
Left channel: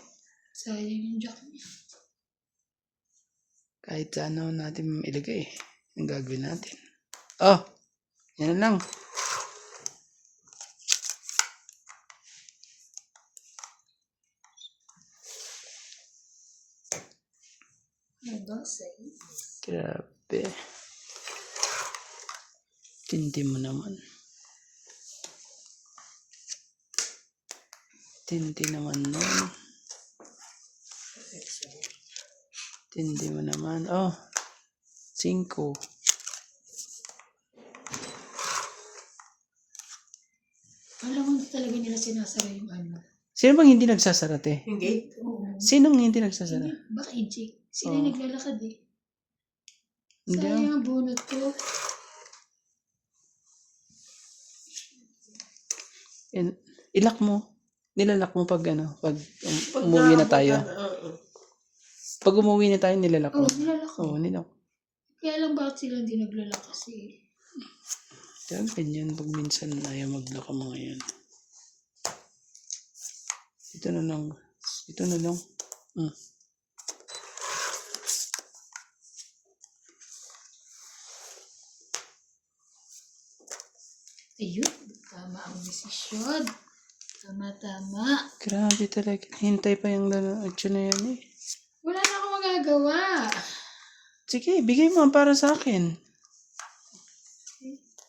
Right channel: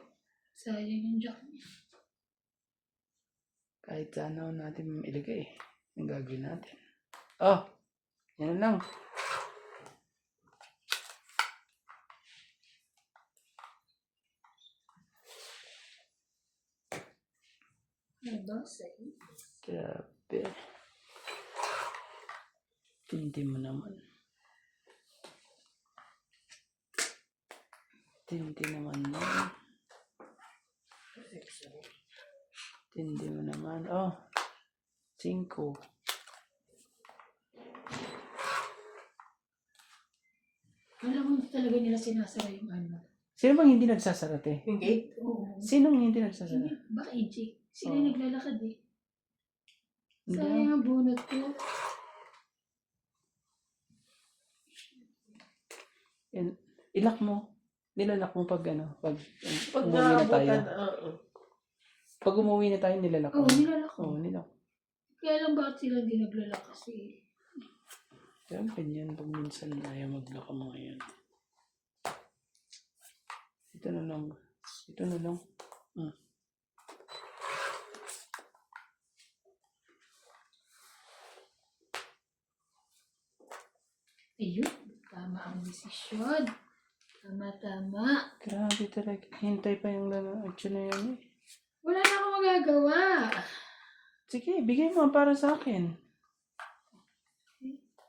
Sayang yung jack niya. Kahit saan naman natin ilagay. Ang gagawin natin. Oh, yan na lang. May basay. Grabe. Tindi mo naman. Tindi naman nun. Tindi mo naman. Oh, 5. Alam mo, hindi talaga nila sinasara yung ano. Sino bang hindi nagsasara, te? Yung gate? Oo. Sinong hindi nagsasara? Baka eject. Sila Oo. naglalakad eh. Hindi. Sayang ang bunot ko. Ilak mo. Nilalak mo pag ano, pag Pag umuwi na tayo. naabutan, oo. Pag umuwi na tayo, nilalak mo. Oo, nilalak ko. Oo, nilalak. Kaya lang bakit sila hindi naglalak kasi. Kaya ganyan pag minsan ayaw maglaka mo ngayon. Ito na lang. Ito na lang. Ayun, tama ang desisyon. Tama-tama. Grabe talaga. Hintay pa yung lalaki na yan eh. Wala na akong magagawa. Sige, bigay mo para sa akin.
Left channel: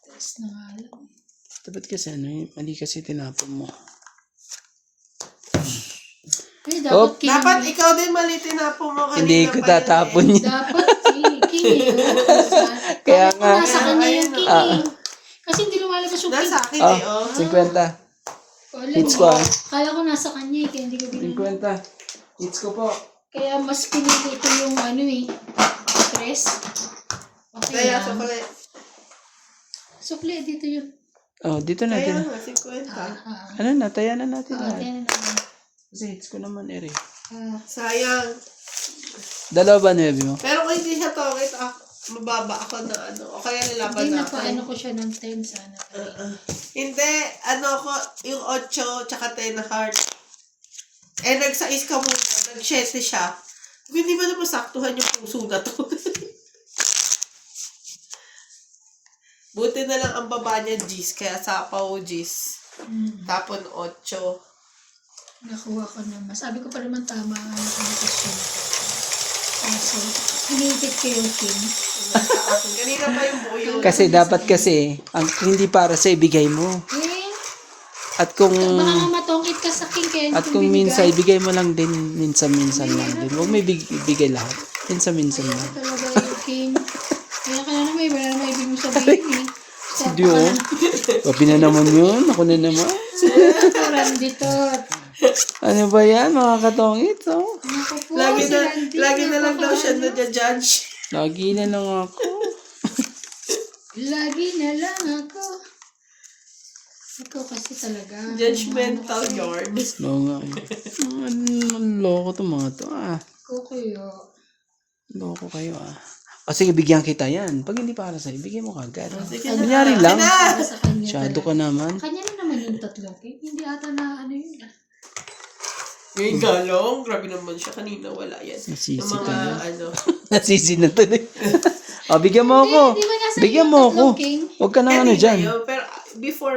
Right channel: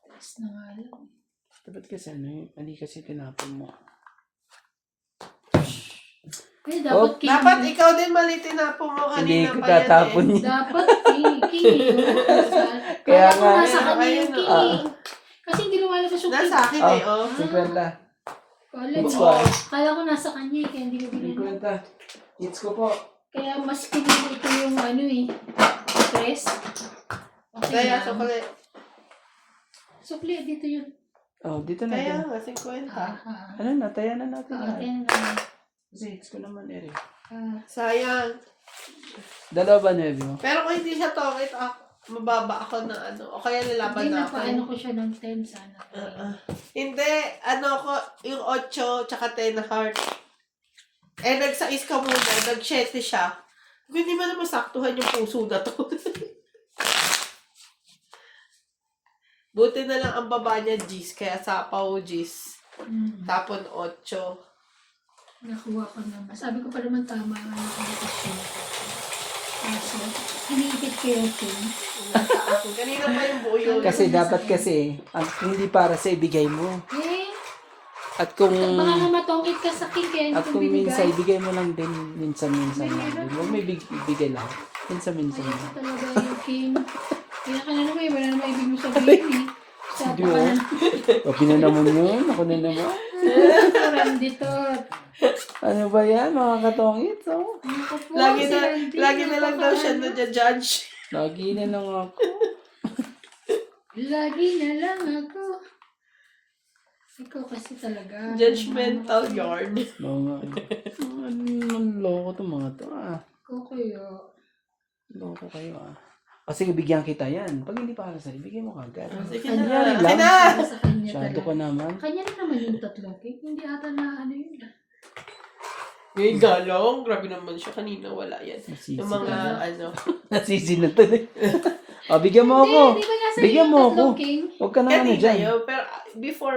Taas na nga lang. Dapat kasi ano, mali kasi tinapon mo. Eh, Oh, dapat king. Dapat ikaw din mali tinapon mo kanina Hindi ko pa yan tatapon eh. yan. Dapat king. Kaya Kaya ko nga. nasa kanya yung king Ah. eh. Kasi hindi lumalabas yung king. Nasa akin eh, oh. 50. Wala, Hits ko ah. kaya ko nasa kanya eh, kaya hindi ko binili. 50. Hits ko po. Kaya mas pinili ko yung ano eh. Press. Okay Kaya, lang. sukli. Sukli, dito yun. Oh, dito na Kaya din. nga, 50. Ano na, taya na natin. Oo, tiyan na. Kasi hits ko naman, Eri. Sayang. Dalawa ba nuebe mo? Pero kung hindi siya tongit, mababa ako na ano. O kaya nilaban Hindi na na ako. pa, ano ko siya ng 10 sana. Hindi, ano ko, yung 8, tsaka 10 na heart. Eh, nag-6 ka muna, nag-7 siya. Hindi mo na masaktuhan yung puso na to. Buti na lang ang baba niya, G's, kaya sapaw, G's. Tapon 8. Nakuha ko naman. Sabi ko pa naman tama ang desisyon. Kaso, hinihintid ko yung king. Kanina pa yung buo yun. Kasi dapat kasi, ang hindi para sa ibigay mo. Eh, At kung baka nga matongkit ka sa king kaya hindi at ko kung binigay. minsan ibigay mo lang din minsan lang din. Huwag may ibigay lahat. Minsan lang. Talaga yung king. Kaya ka na naman, wala naman ibig mo sabihin eh. Hindi oh. Papi na naman yun. Ako na naman. Parang dito. Ano ba yan mga katongit? Oh? Naku po, Lagi na, si Randy, lagi na lang daw siya napaka- na-judge. Lagi na lang ako. Lagi na lang ako. Ikaw kasi talaga. Judgmental yard. Oo nga. Loko to mga to. Ikaw kayo. Loko kayo O sige, bigyan kita yan. Pag hindi para sa'yo, bigyan mo kagad. Sige Kunyari na. lang. Para sa kanya Masyado talaga. ka naman. Kanya rin naman yung tatlong cake. Hindi ata na ano yun ah. Ngayon galong, grabe naman siya. Kanina wala yan. Nasisi Yung mga, ka. ano, Nasisi na tuloy. Bigyan mo ako. Hindi ba nasa Bigyan yung mo ako. tatlong king? Huwag ka na ano hindi dyan. na yun, pero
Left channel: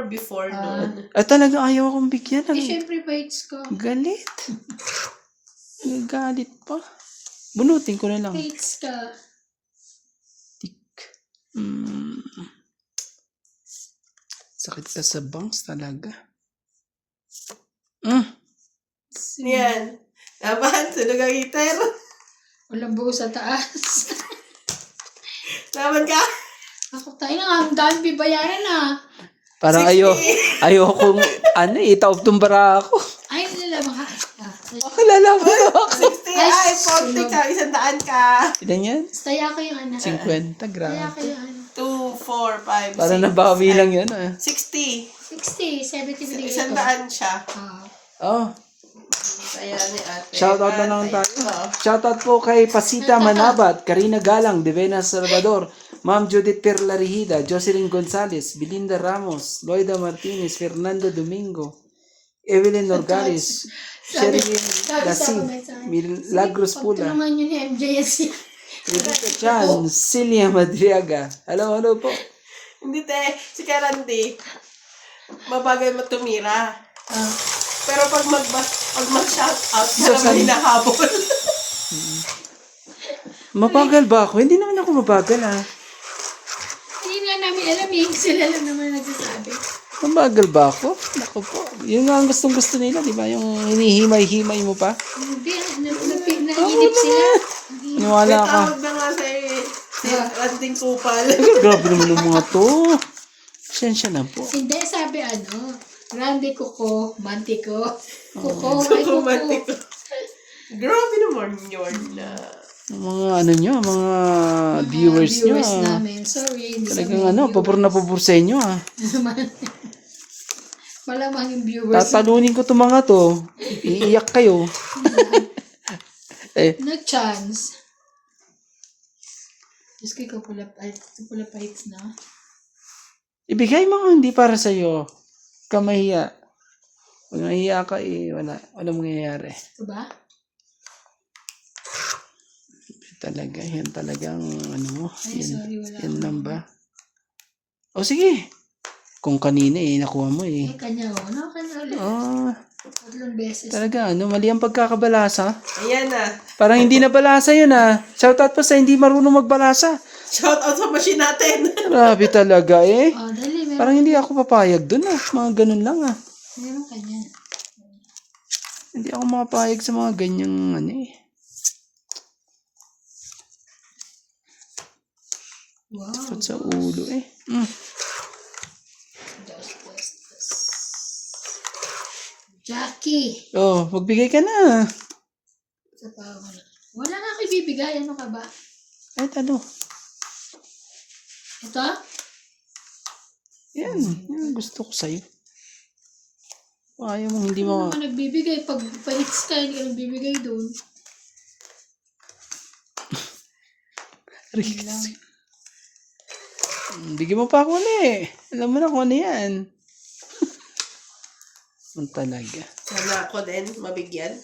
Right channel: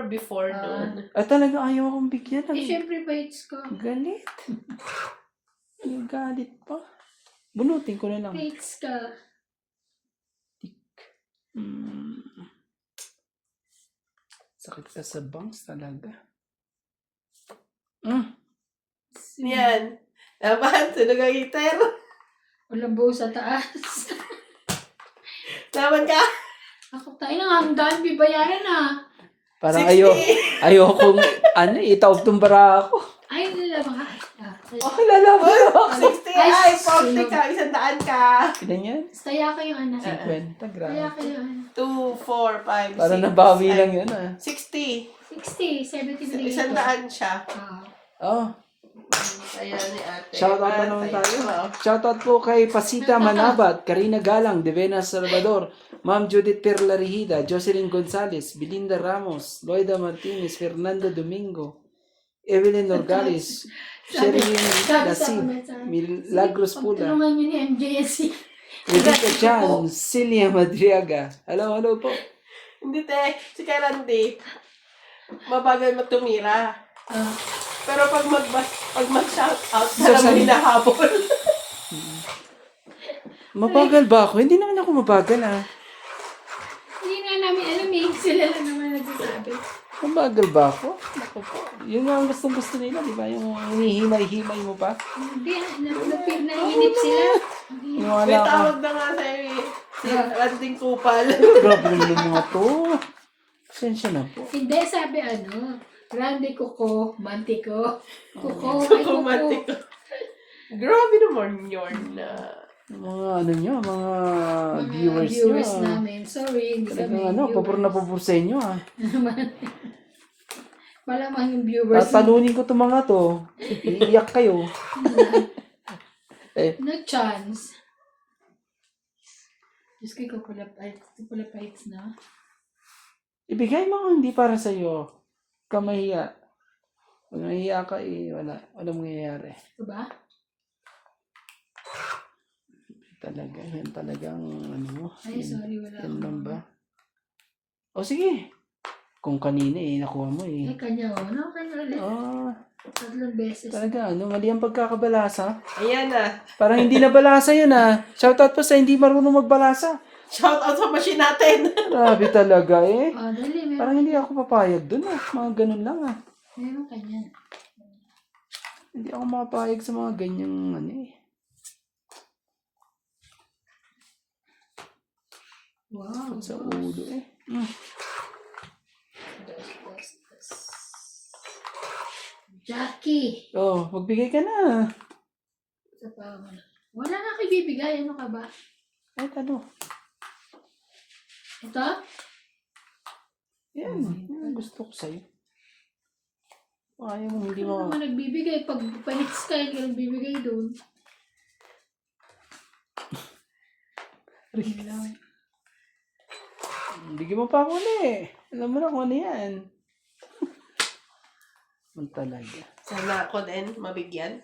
before noon. Talaga ayaw akong bigyan. Eh, syempre bites ko. Galit. Galit pa. Bunutin ko na lang. Bites ka. Tik. Sakit ka sa bangs talaga. Yan. Naman, sunog ang heater. Walang buo sa taas. Naman ka? Ako tayo na nga, ang dami bibayaran na. Parang 60. ayokong, itaob-tumbara ako. Ay, nalaman ka. Kilala mo. 60. Ay, 40 ka. 100 ka. Ilan yan? Staya kayo, ano. 50, Staya grabe. kayo, ano. 2, 4, 5, 6. Parang nabawi lang yan ah. 60. 60, 73. 100 siya. Oh, Kaya ni ate. shoutout na lang Bantay. tayo. Oo. Shoutout po kay Pasita Manabat, Karina Galang, Devena Salvador, Ma'am Judith Perlarihida, Jocelyn Gonzalez, Belinda Ramos, Loida Martinez, Fernando Domingo, Evelyn Nogales, Sherlyn Dasid, Milagros Pula, Pagtulungan yun ni MJSC. Rebecca Chan, Celia Madriaga. Hello po. Hindi te. Si Karandi. Mabagal matumira. Pero pag mag-shout out, wala mo hinahabol. Mabagal ba ako? Hindi naman ako mabagal ah. Hindi nga namin alam eh. Sila lang naman nagsasabi. Mabagal ba ako? Ako po. Yun nga ang gustong-gusto nila, di ba? Yung hinihimay-himay mo pa. Hindi, nainip sila. May Wala ka. tawag na nga sa si Randing Kupal. Grabe naman yung mga to. Sensya na po. Hindi, sabi Randy Kuko, Mantiko. Kuko, ay Kuko. Kumatik. Grabe naman yun na. Yung mga ano nyo, mga viewers nyo. Viewers namin. Sorry. Hindi Talagang kami pabor na pabor sa inyo ah. Malamang yung viewers. Tatalunin ko itong mga to. Iiyak kayo. No chance. Diyos ko, ikaw pala fights na. Ibigay mo hindi para sa iyo. Kamahiya. Pag nahiya ka wala mangyayari. Ito ba? Talaga, yan talagang ano mo. Ay, sorry, wala. Yan lang ba? O sige. Kung kanina nakuha mo Ay, kanya kanya ulit. Tatlong beses. Talaga, mali ang pagkakabalasa. Ayan na. Parang hindi na balasa yun Shoutout pa sa hindi marunong magbalasa. Shout out sa machine natin. Grabe talaga Oh, dali, meron. Parang hindi ako papayag dun Mga ganun lang Meron kanya. Hindi ako mapapayag sa mga ganyang Wow. Put sa ulo Dos. Jackie. Oh, magbigay ka na. Sa pawan. Wala nga kayo bibigay. Ano ka ba? Ay, ano? Ito? Yan gusto ko sa'yo. Ayaw mo, hindi mo. Ano ka nagbibigay? Pag pa-hits ka, hindi ka nagbibigay doon. Bigyan mo pa ako Alam mo na kung ano yan. Ang talaga. Sana ako din mabigyan.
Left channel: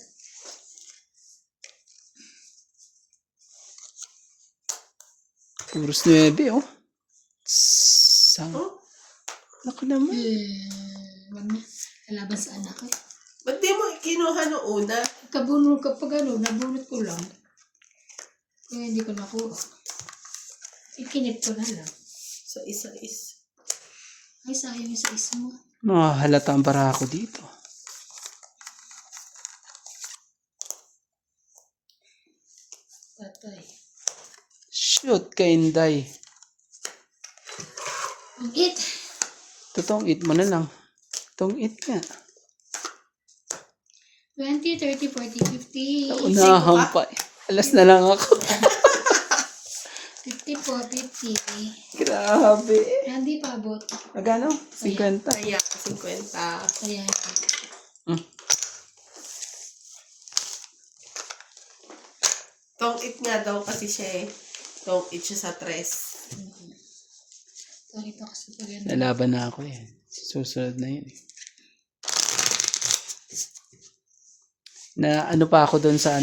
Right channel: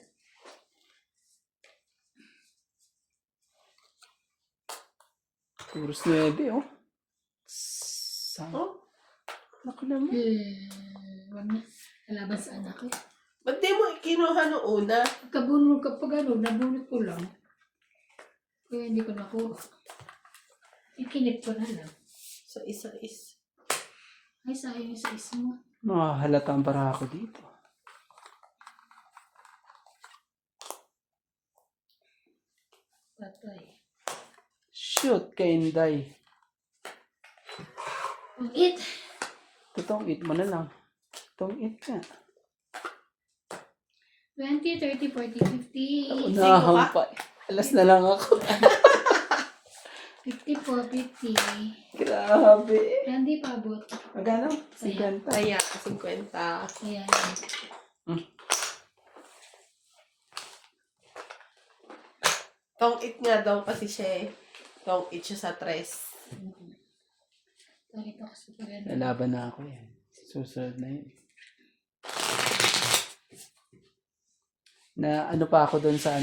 Puros 9 Sang. Oh? Naku naman. Kalaban sa anak ko. Ba't di mo kinuha noong una? Kapag nabunot ko lang. Kaya hindi ko nakuha. Ikinip ko na lang. Sa isa-is. Ay, sayang yung sa mo. Halata ang bara ako dito. Patay. Shoot ka, Inday. Ang it. Totoong it mo na lang. Totoong it nga. 20, 30, 40, 50. Unahan pa. Alas na lang ako. 50 po, 50. Grabe. Hindi pa abot. Magkano? 50. Kaya, 50. Kaya Tong it nga daw kasi siya Tong it siya sa 3. ito kasi pag ano. Nalaban na ako Susunod na yun Na ano pa ako doon sa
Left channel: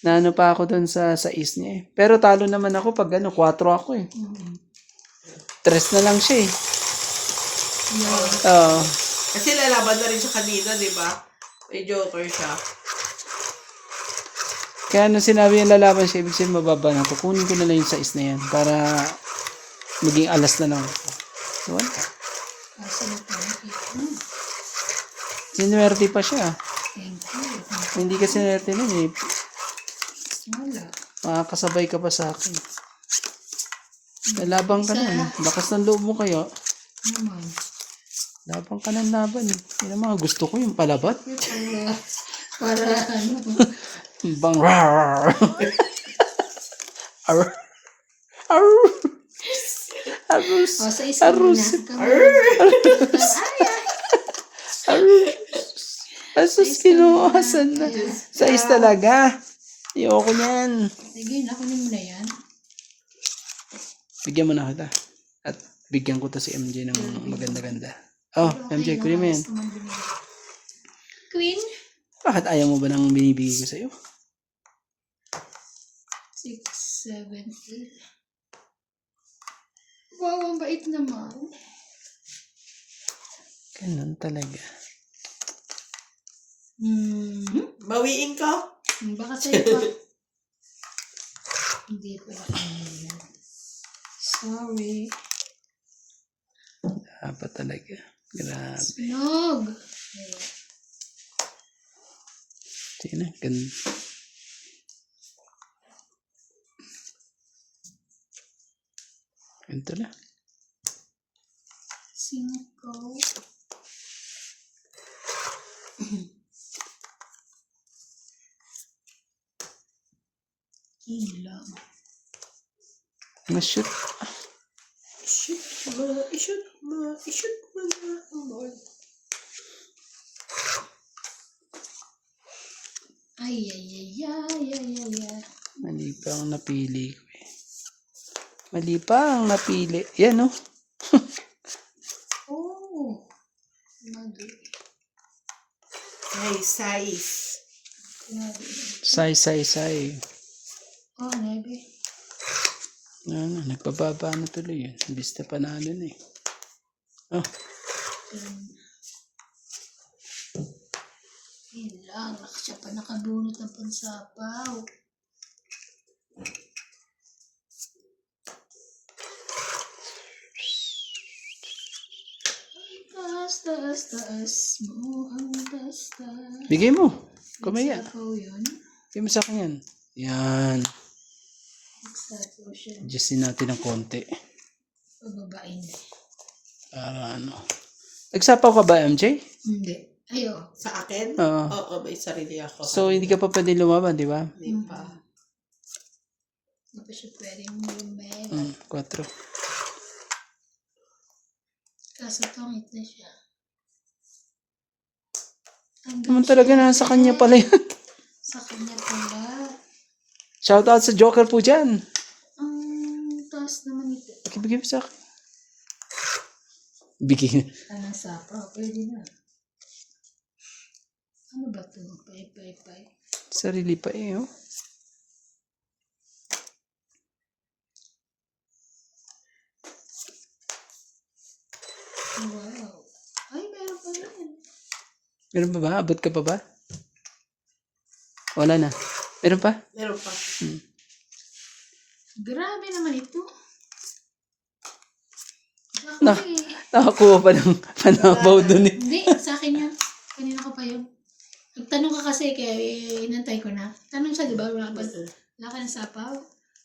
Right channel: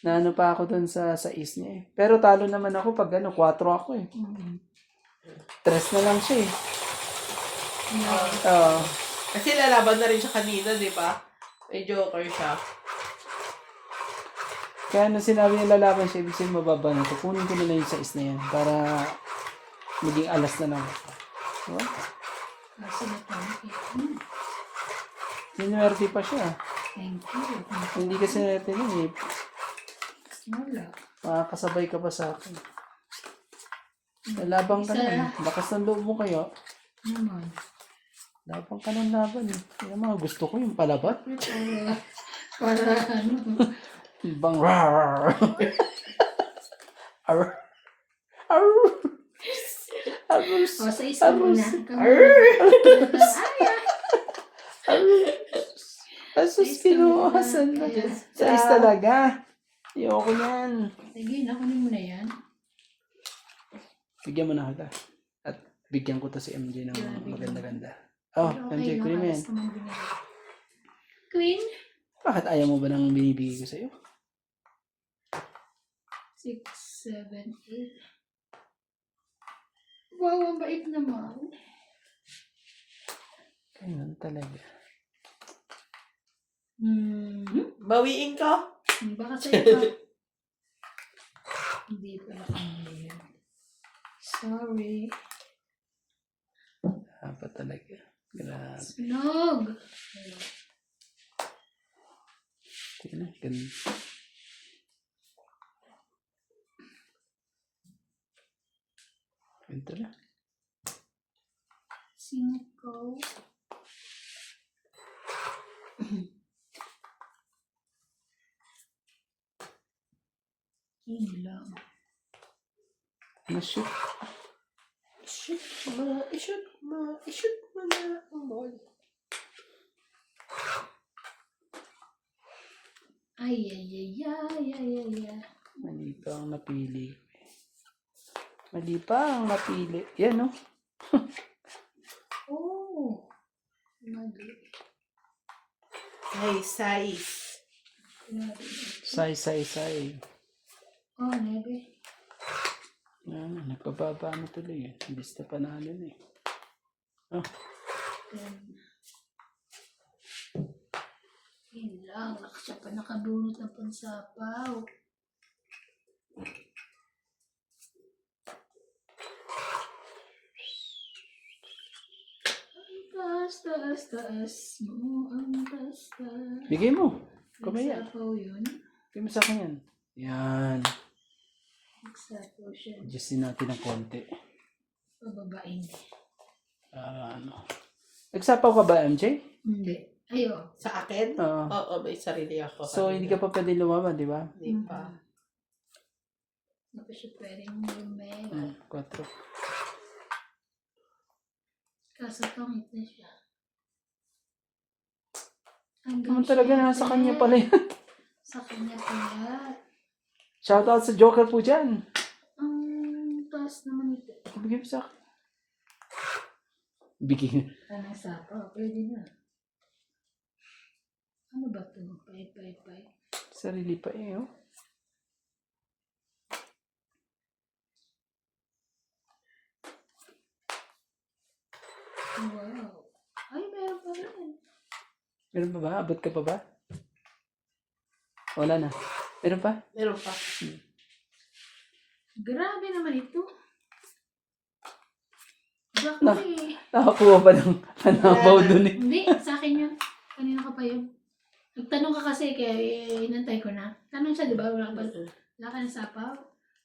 Na ano pa ako doon sa is niya Pero talo naman ako pag 4 ako 3 na lang siya Kasi lalaban na rin siya kanina, di ba? May joker siya. Kaya nung sinabi yung lalaban siya, ibig sabihin mababa na ako. Kunin ko na lang yung size na yan para maging alas na lang ako. Diba? Sinuwerte pa siya. Thank you. Hindi ka sinuwerte nun Wala. Makakasabay ka pa sa akin. Labang ka na. Lakas ng loob mo kayo. Naman. Labang ka ng laban eh. Yan ang mga gusto ko, yung palabat. Para ano. Bang rar. Ar. Ar. Arus. O, sa isa muna. Arus. Asus, kinuhasan na. Sais talaga. Ayoko niyan. Sige, nakunin mo na yan. Bigyan mo na kita. At bigyan ko to si MJ ng maganda-ganda. Oh, MJ, kunin mo yan. Queen. Bakit ayaw mo ba ng binibigay ko sa'yo? 6, 7, 8. Wow, ang bait naman. Ganun talaga. Bawiin ko. Baka sa'yo pa. Hindi pala kami yan. Sorry. Dapat talaga. Grabe. Sinog. Sige na, ganun. Ganito na. 5. Ilang. Na-shoot. I-shoot mo na ang ball. Ay, ay, ay, ay, ay, ay, ay. Mali pa ang napili ko eh. Mali pa ang napili. Yan oh. Oh. Mali. Ay, size. Mali. Say. Oh, nebe. Ano, nagpababa na tuloy yun. Imbis na panalo na eh. Oh, Ilang. Siya pa nakabunot ng pansapaw. Taas mo ang taas. bigay mo. Kumaya. Sapaw yun. Bigay mo sa akin yan. Yan. Sapaw siya. Adjustin natin ng konti. Pababain. Para ano. Nagsapaw ka ba, MJ? Hindi. Ayo. Sa akin? Oo. Oo, may sarili ako. So, hindi ka pa pwede lumaban, di ba? Hindi pa. Hindi pa siya pwedeng lumega. 4. Kaso tongit na siya. Naman talaga nasa kanya pala yan. Sa kanya pala. Shoutout sa Joker po dyan. Ang taas naman ito. Bigay mo sa akin. Bigay. Anong sapaw? Pwede na. Ano ba ito? Pay. Sarili pa eh, oh. Wow. Ay, meron pa rin. Meron pa ba? Abot ka pa ba? Wala na. Meron pa? Meron pa. Grabe naman ito. Na- Bakit? Nakakuha pa ng panabaw dun eh. Hindi, sa akin yun. Kanina ka pa yun. Nagtanong ka kasi kaya inantay ko na. Tanong siya, di ba? Wala ka ng sapaw?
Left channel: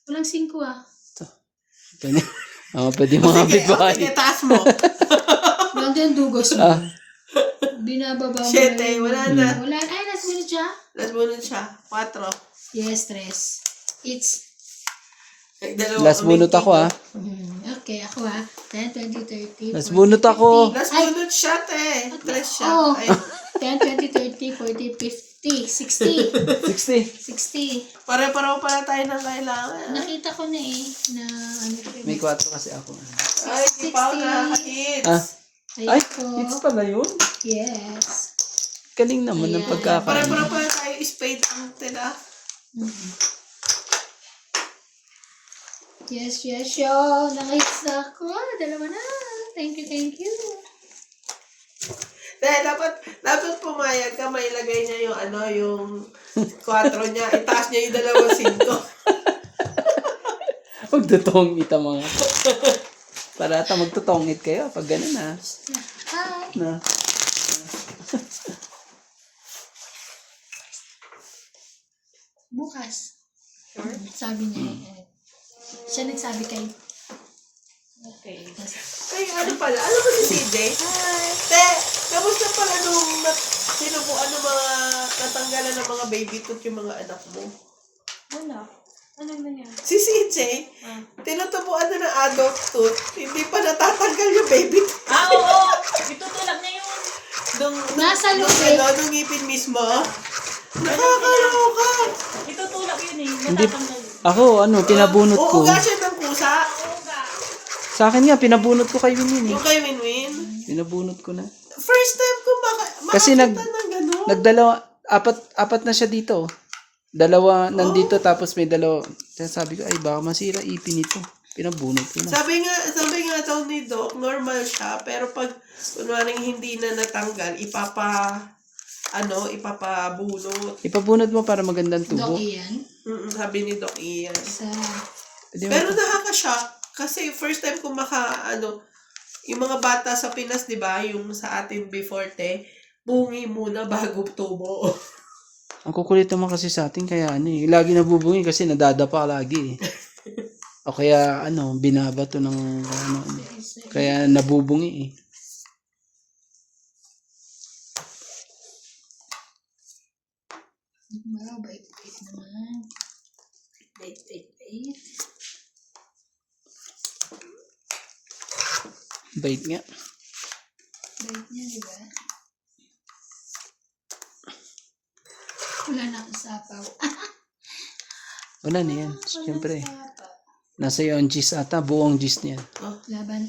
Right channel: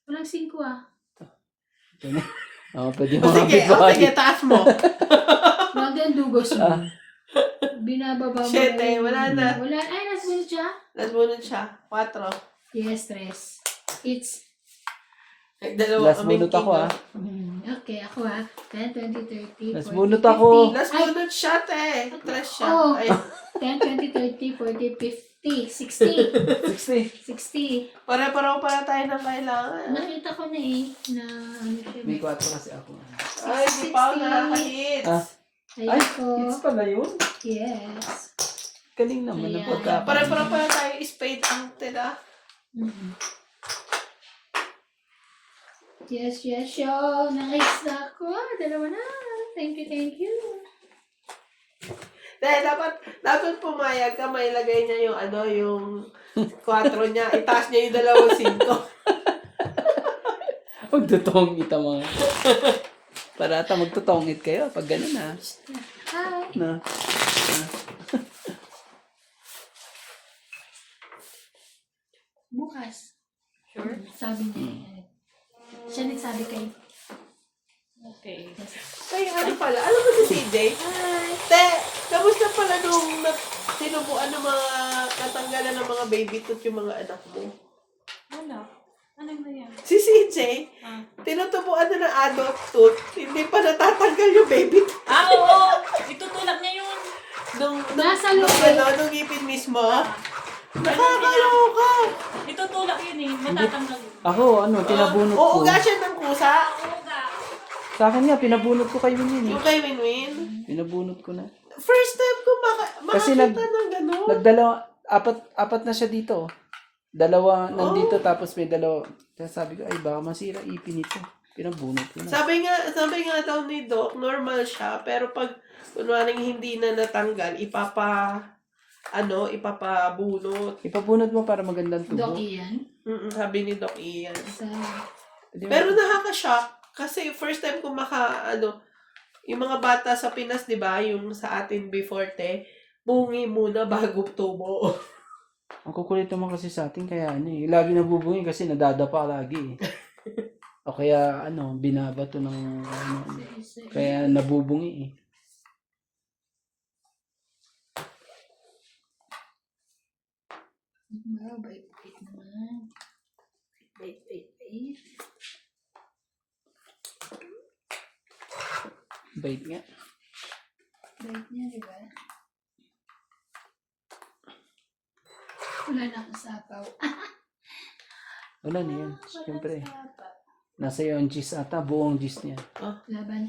Walang 5 ah. Pwede. Pwede mo nga Sige, bigay. taas mo. Wala yung dugos mo. Binababa mo. Shit, lang. wala na. Wala. Ay, last minute siya. Last bunot siya. 4. Yes, 3. It's Last bunot ako ah. okay, ako 10, 20, 30, Last 40, bunot ako. 50. Last Ay, bunot siya, te. Tres siya. Oh. Ay, 10, 20, 30, 40, 50, 60. 60. 60. pare-pareho pala tayo ng kailangan. Nakita ko na eh, na ano siya. May 4 kasi ako. Ay, di pa ako nakaka-hits. Ay, Ayun hits ko. pala yun. Yes. Galing naman ng Ayan. pagkakaroon. Pare-pareho pala tayo spade ang tila. Yes, yo. Nakahits na ako. Dalawa na. Thank you. Dahil dapat pumayag ka, may lagay niya yung yung 4 niya. Itaas niya yung 2 5. Magtutongit ang mga. Parata magtutongit kayo pag ganun ah. Hi. Na. Bukas. Sabi niya. Siya nagsabi kay Okay. Kaya ano pala, alam mo si CJ? Te, kamusta pala nung sinubuan ng mga natanggalan ng mga baby tooth yung mga anak mo? Wala. Ano na yan? Si CJ, tinutubuan na ng adult tooth, hindi pa natatanggal yung baby tooth. Oo! Itutulak niya yung... Nasa nung, loob. nung ngipin mismo. Nakakaloka. Itutulak yun eh. Matatanggal. Ako, pinabunot ko. Uuga siya ng kusa. Sa akin nga, pinabunot ko kay Winnie eh. Okay, win-win. Pinabunot ko na. First time ko Kasi makakita ng gano'n. Nagdalawa, apat na siya dito. Dalawa nandito tapos may dalawa. Kaya sabi ko, ay baka masira ipin ito. Pinabunot ko na. Sabi nga daw ni Doc, normal siya, pero pag kunwaring hindi na natanggal, ipapabunot. Ipabunot mo para magandang tubo. Dog yan. Sabi ni Doc Ian. Sa... Pwede mo- Pero nakaka-shock kasi first time ko yung mga bata sa Pinas, 'di ba, yung sa atin before bungi muna bago tubo. Ang kukulit naman kasi sa atin kaya lagi nabubungi kasi nadadapa lagi eh. O kaya binabato ng kaya nabubungi eh. Wow, bait-bait naman. Bait. Bait nga. Bait niya, di ba? Wala na akong sapaw. Wala na yan. Siyempre. Nasa iyo ang gis ata. Buong gis niya. Laban.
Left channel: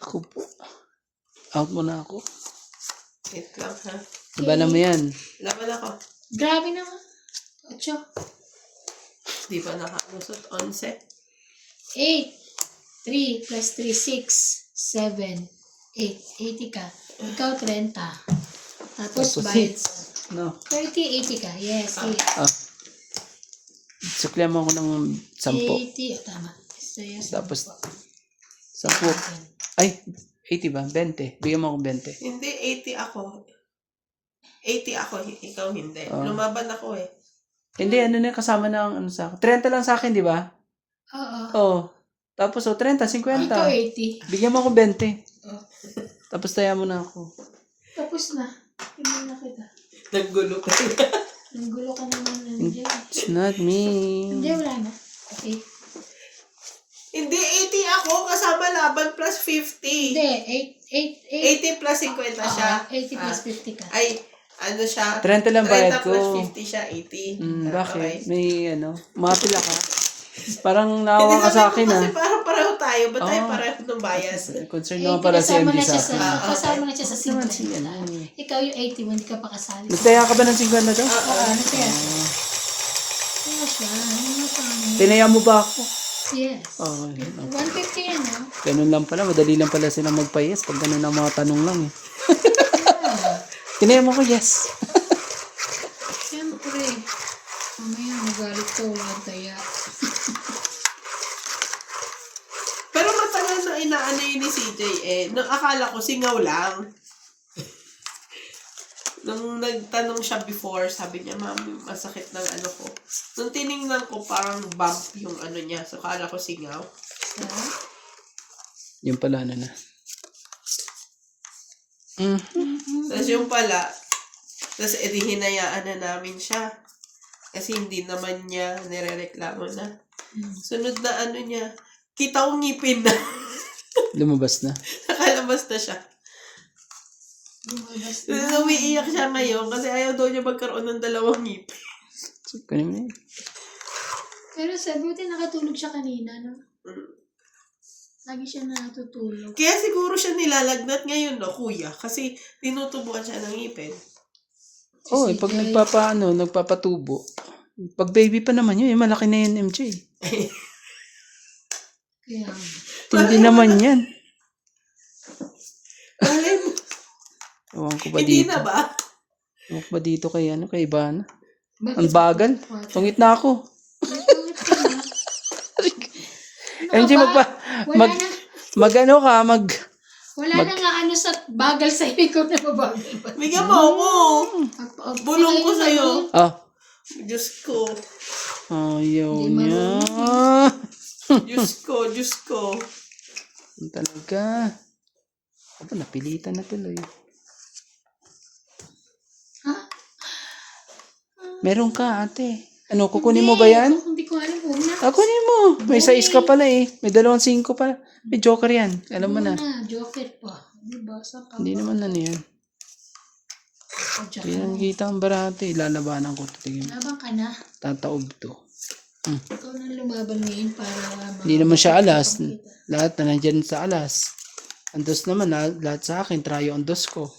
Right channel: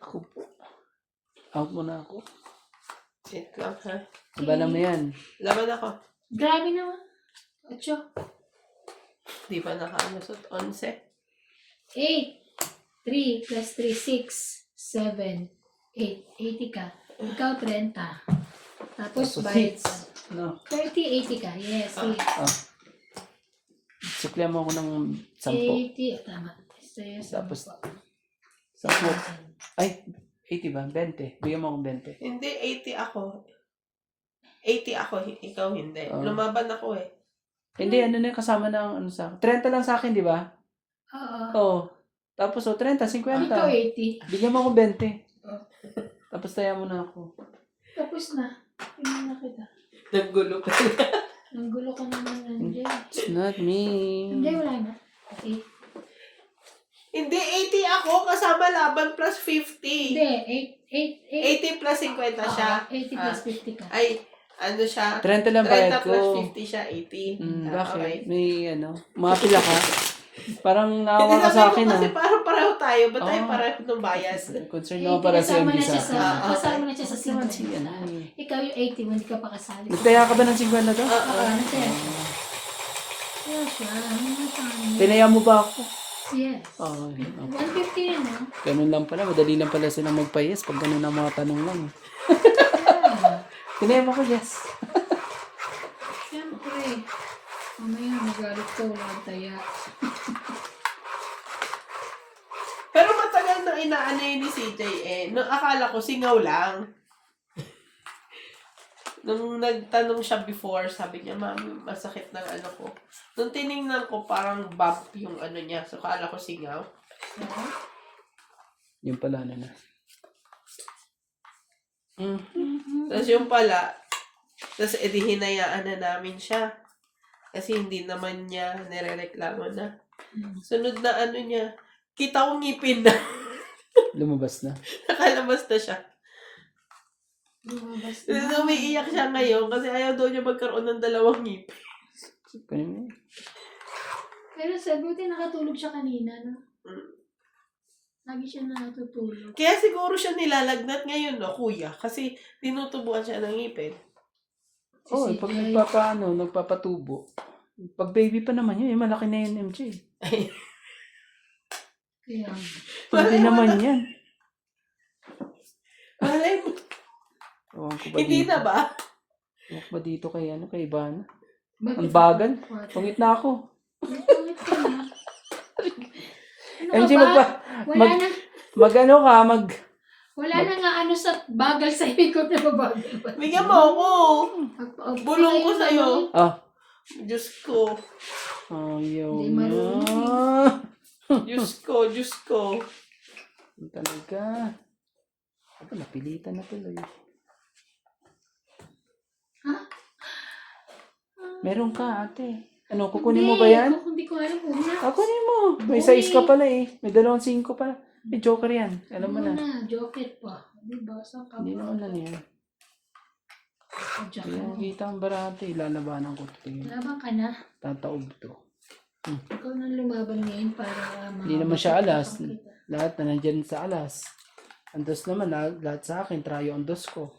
Ako po. Out mo na ako. Wait lang, ha? Labanan mo yan. Laban ako. Grabe naman. 8. Di ba nakalusot? 11. 8. 3 plus 3, 6, 7, 8. 80 ka. Ikaw 30. Tapos So, bayad 6. sa... No. 30, 80 ka. Yes, 8. Suklihan mo ako ng 10. 80. Tama. Saya sa... Tapos 10. Ay, 80 ba? 20. Bigyan mo akong 20. Hindi, 80 ako. 80 ako, ikaw hindi. Lumaban ako eh. Hindi, kasama na ang sa akin. 30 lang sa akin, di ba? Oo. Oo. Tapos, 30, 50. Ikaw 80. Bigyan mo akong 20. Oh. Tapos, taya mo na ako. Tapos na. Tingnan na kita. Naggulo ka. Ang gulo ka naman nandiyan. It's not me. Hindi, wala na. Okay. Hindi, 80 ako kasama laban plus 50. Hindi, 80 plus 50 siya. 80 plus 50 ka. Ay, ano siya? 30 lang bayad 30 plus ko. 50 siya, 80. Bakit? Okay. May mapila ka. Parang Hindi naawa ka sa sabi akin ko kasi parang pareho tayo. Ba't tayo pareho ng bias? Concern naman para sa MD sa akin. Kasama na siya sa Naman 50. siya, Ikaw yung 80 mo, hindi ka pa kasali. Nagtaya ka ba ng 50 na to? Oo, nagtaya siya. Kaya siya, ano mo sa amin? Tinaya mo ba ako? Yes. Oo. 150 yan, no? Ganun lang pala. Madali lang pala silang magpa-yes pag ganun ang mga tanong lang eh. Tinaya mo ko yes. Siyempre. Mamaya magalit ko, wala taya. Pero matagal na inaano yun ni CJ eh. Nung akala ko singaw lang. Nung nagtanong siya before, sabi niya, Mami, masakit ng ano ko. Nung tiningnan ko, parang bump yung ano niya. So, akala ko singaw. Yung pala na. Tapos yung pala, tapos hinayaan na namin siya. Kasi hindi naman niya nirereklamo na. Sunod na ano niya, kita kong ngipin na. Lumabas na. Nakalabas na siya. Tapos umiiyak siya ngayon kasi ayaw daw niya magkaroon ng dalawang ngipin. So, kunin mo yun. Pero sa buti nakatulog siya kanina, no? Lagi siya natutulog. Kaya siguro siya nilalagnat ngayon, no, kuya. Kasi tinutubuan siya ng ngipin. Oo, pag nagpapatubo. Pag baby pa naman yun, malaki na yan, MJ. Kaya, Hindi naman yan. Malay mo. Ewan ko ba Hindi dito? na ba? Ewan ko ba dito kay Ivana? bakit? Ang bagal. Tungit na ako. Bakit ka na? MJ, ba? Wala na. Wala na nga ano sa bagal sa ikaw na babagal ba? Bigyan mo ako. Bulong ko sa'yo. Ah. Diyos ko. Ayaw Hindi niya. Diyos Diyos ko. Ang talaga. Aba, napilitan na tuloy. Meron ka, ate. Ano, kukunin mo ba yan? Hindi ko alam kung na. Kunin mo. May size ka pala eh. May 2.5 pa. May joker yan. Alam mo na. Joker pa. Diba? Saan ka Hindi ba? naman ano yan. Hindi nang kita ang barate. Lalabanan ko. Tingin. Laban ka na. Tataob to. Ikaw na lumaban ngayon para Hindi naman siya alas. Lahat na nandyan sa alas. Ang dos naman, lahat sa akin. Tryo ang dos ko.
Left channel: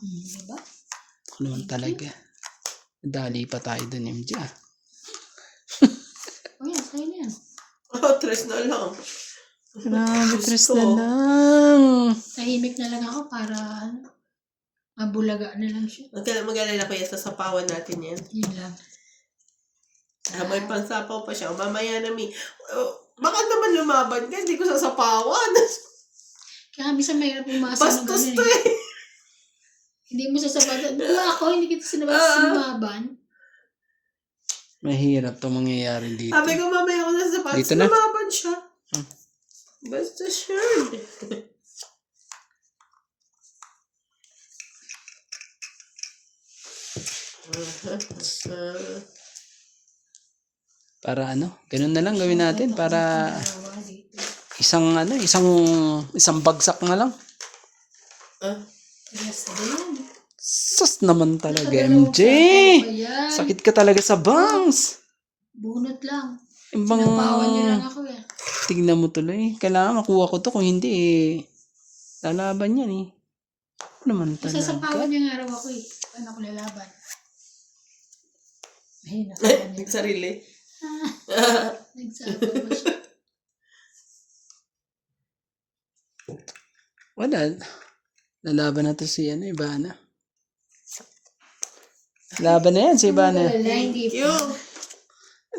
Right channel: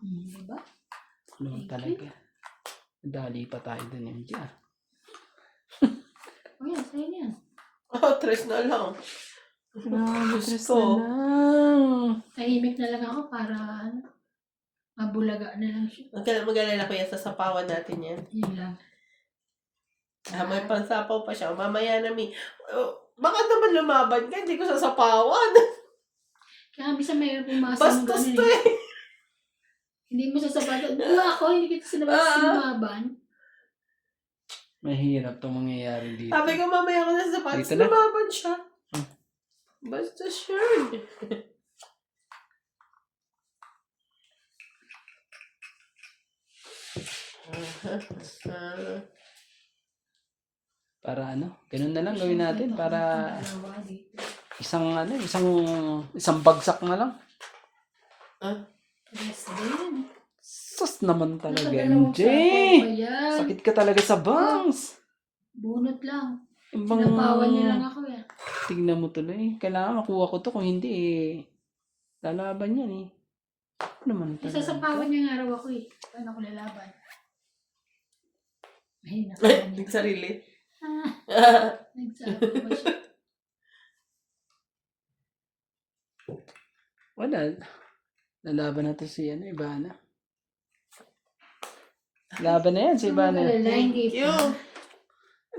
Diba? Ano talaga. Dali pa tayo dun, MJ. O yan, sa'yo na yan. Oh, tres na lang. Grabe, tres ko. na lang. Tahimik na lang ako para mabulaga na lang siya. Mag-alala ko yan, sasapawan natin yan. Yun lang. May pansapaw pa siya. Mamaya na baka naman lumaban ka, hindi ko sasapawan. Kaya bisa mahirap umasa ng Bastos gano'n to eh. eh. Hindi mo sasabato. Wala ako, hindi kita sinababan. Mahirap to mangyayari dito. Sabi ko mamaya ko na sasapawan. Dito na. Lumaban siya. Basta sure. Para ano? Ganun na lang gawin natin para Dalawa dito. isang bagsak na lang. Yes, yan. Sus naman talaga, Nakadalawang MJ. sapaw pa yan. Sakit ka talaga sa bangs. Bunot lang. Ibang Sinapawan niya lang ako eh. tignan mo tuloy. Kailangan makuha ko to. Kung hindi, lalaban yan eh. Ano naman talaga? Sasapawan niya nga raw ako eh. Paano ko lalaban? Ay, nakawan niya. Sarili. Nagsapaw pa siya. Wala. Lalaban na to si Ivana. Laban na yan si Ivana. Wala, hindi pa. Yung.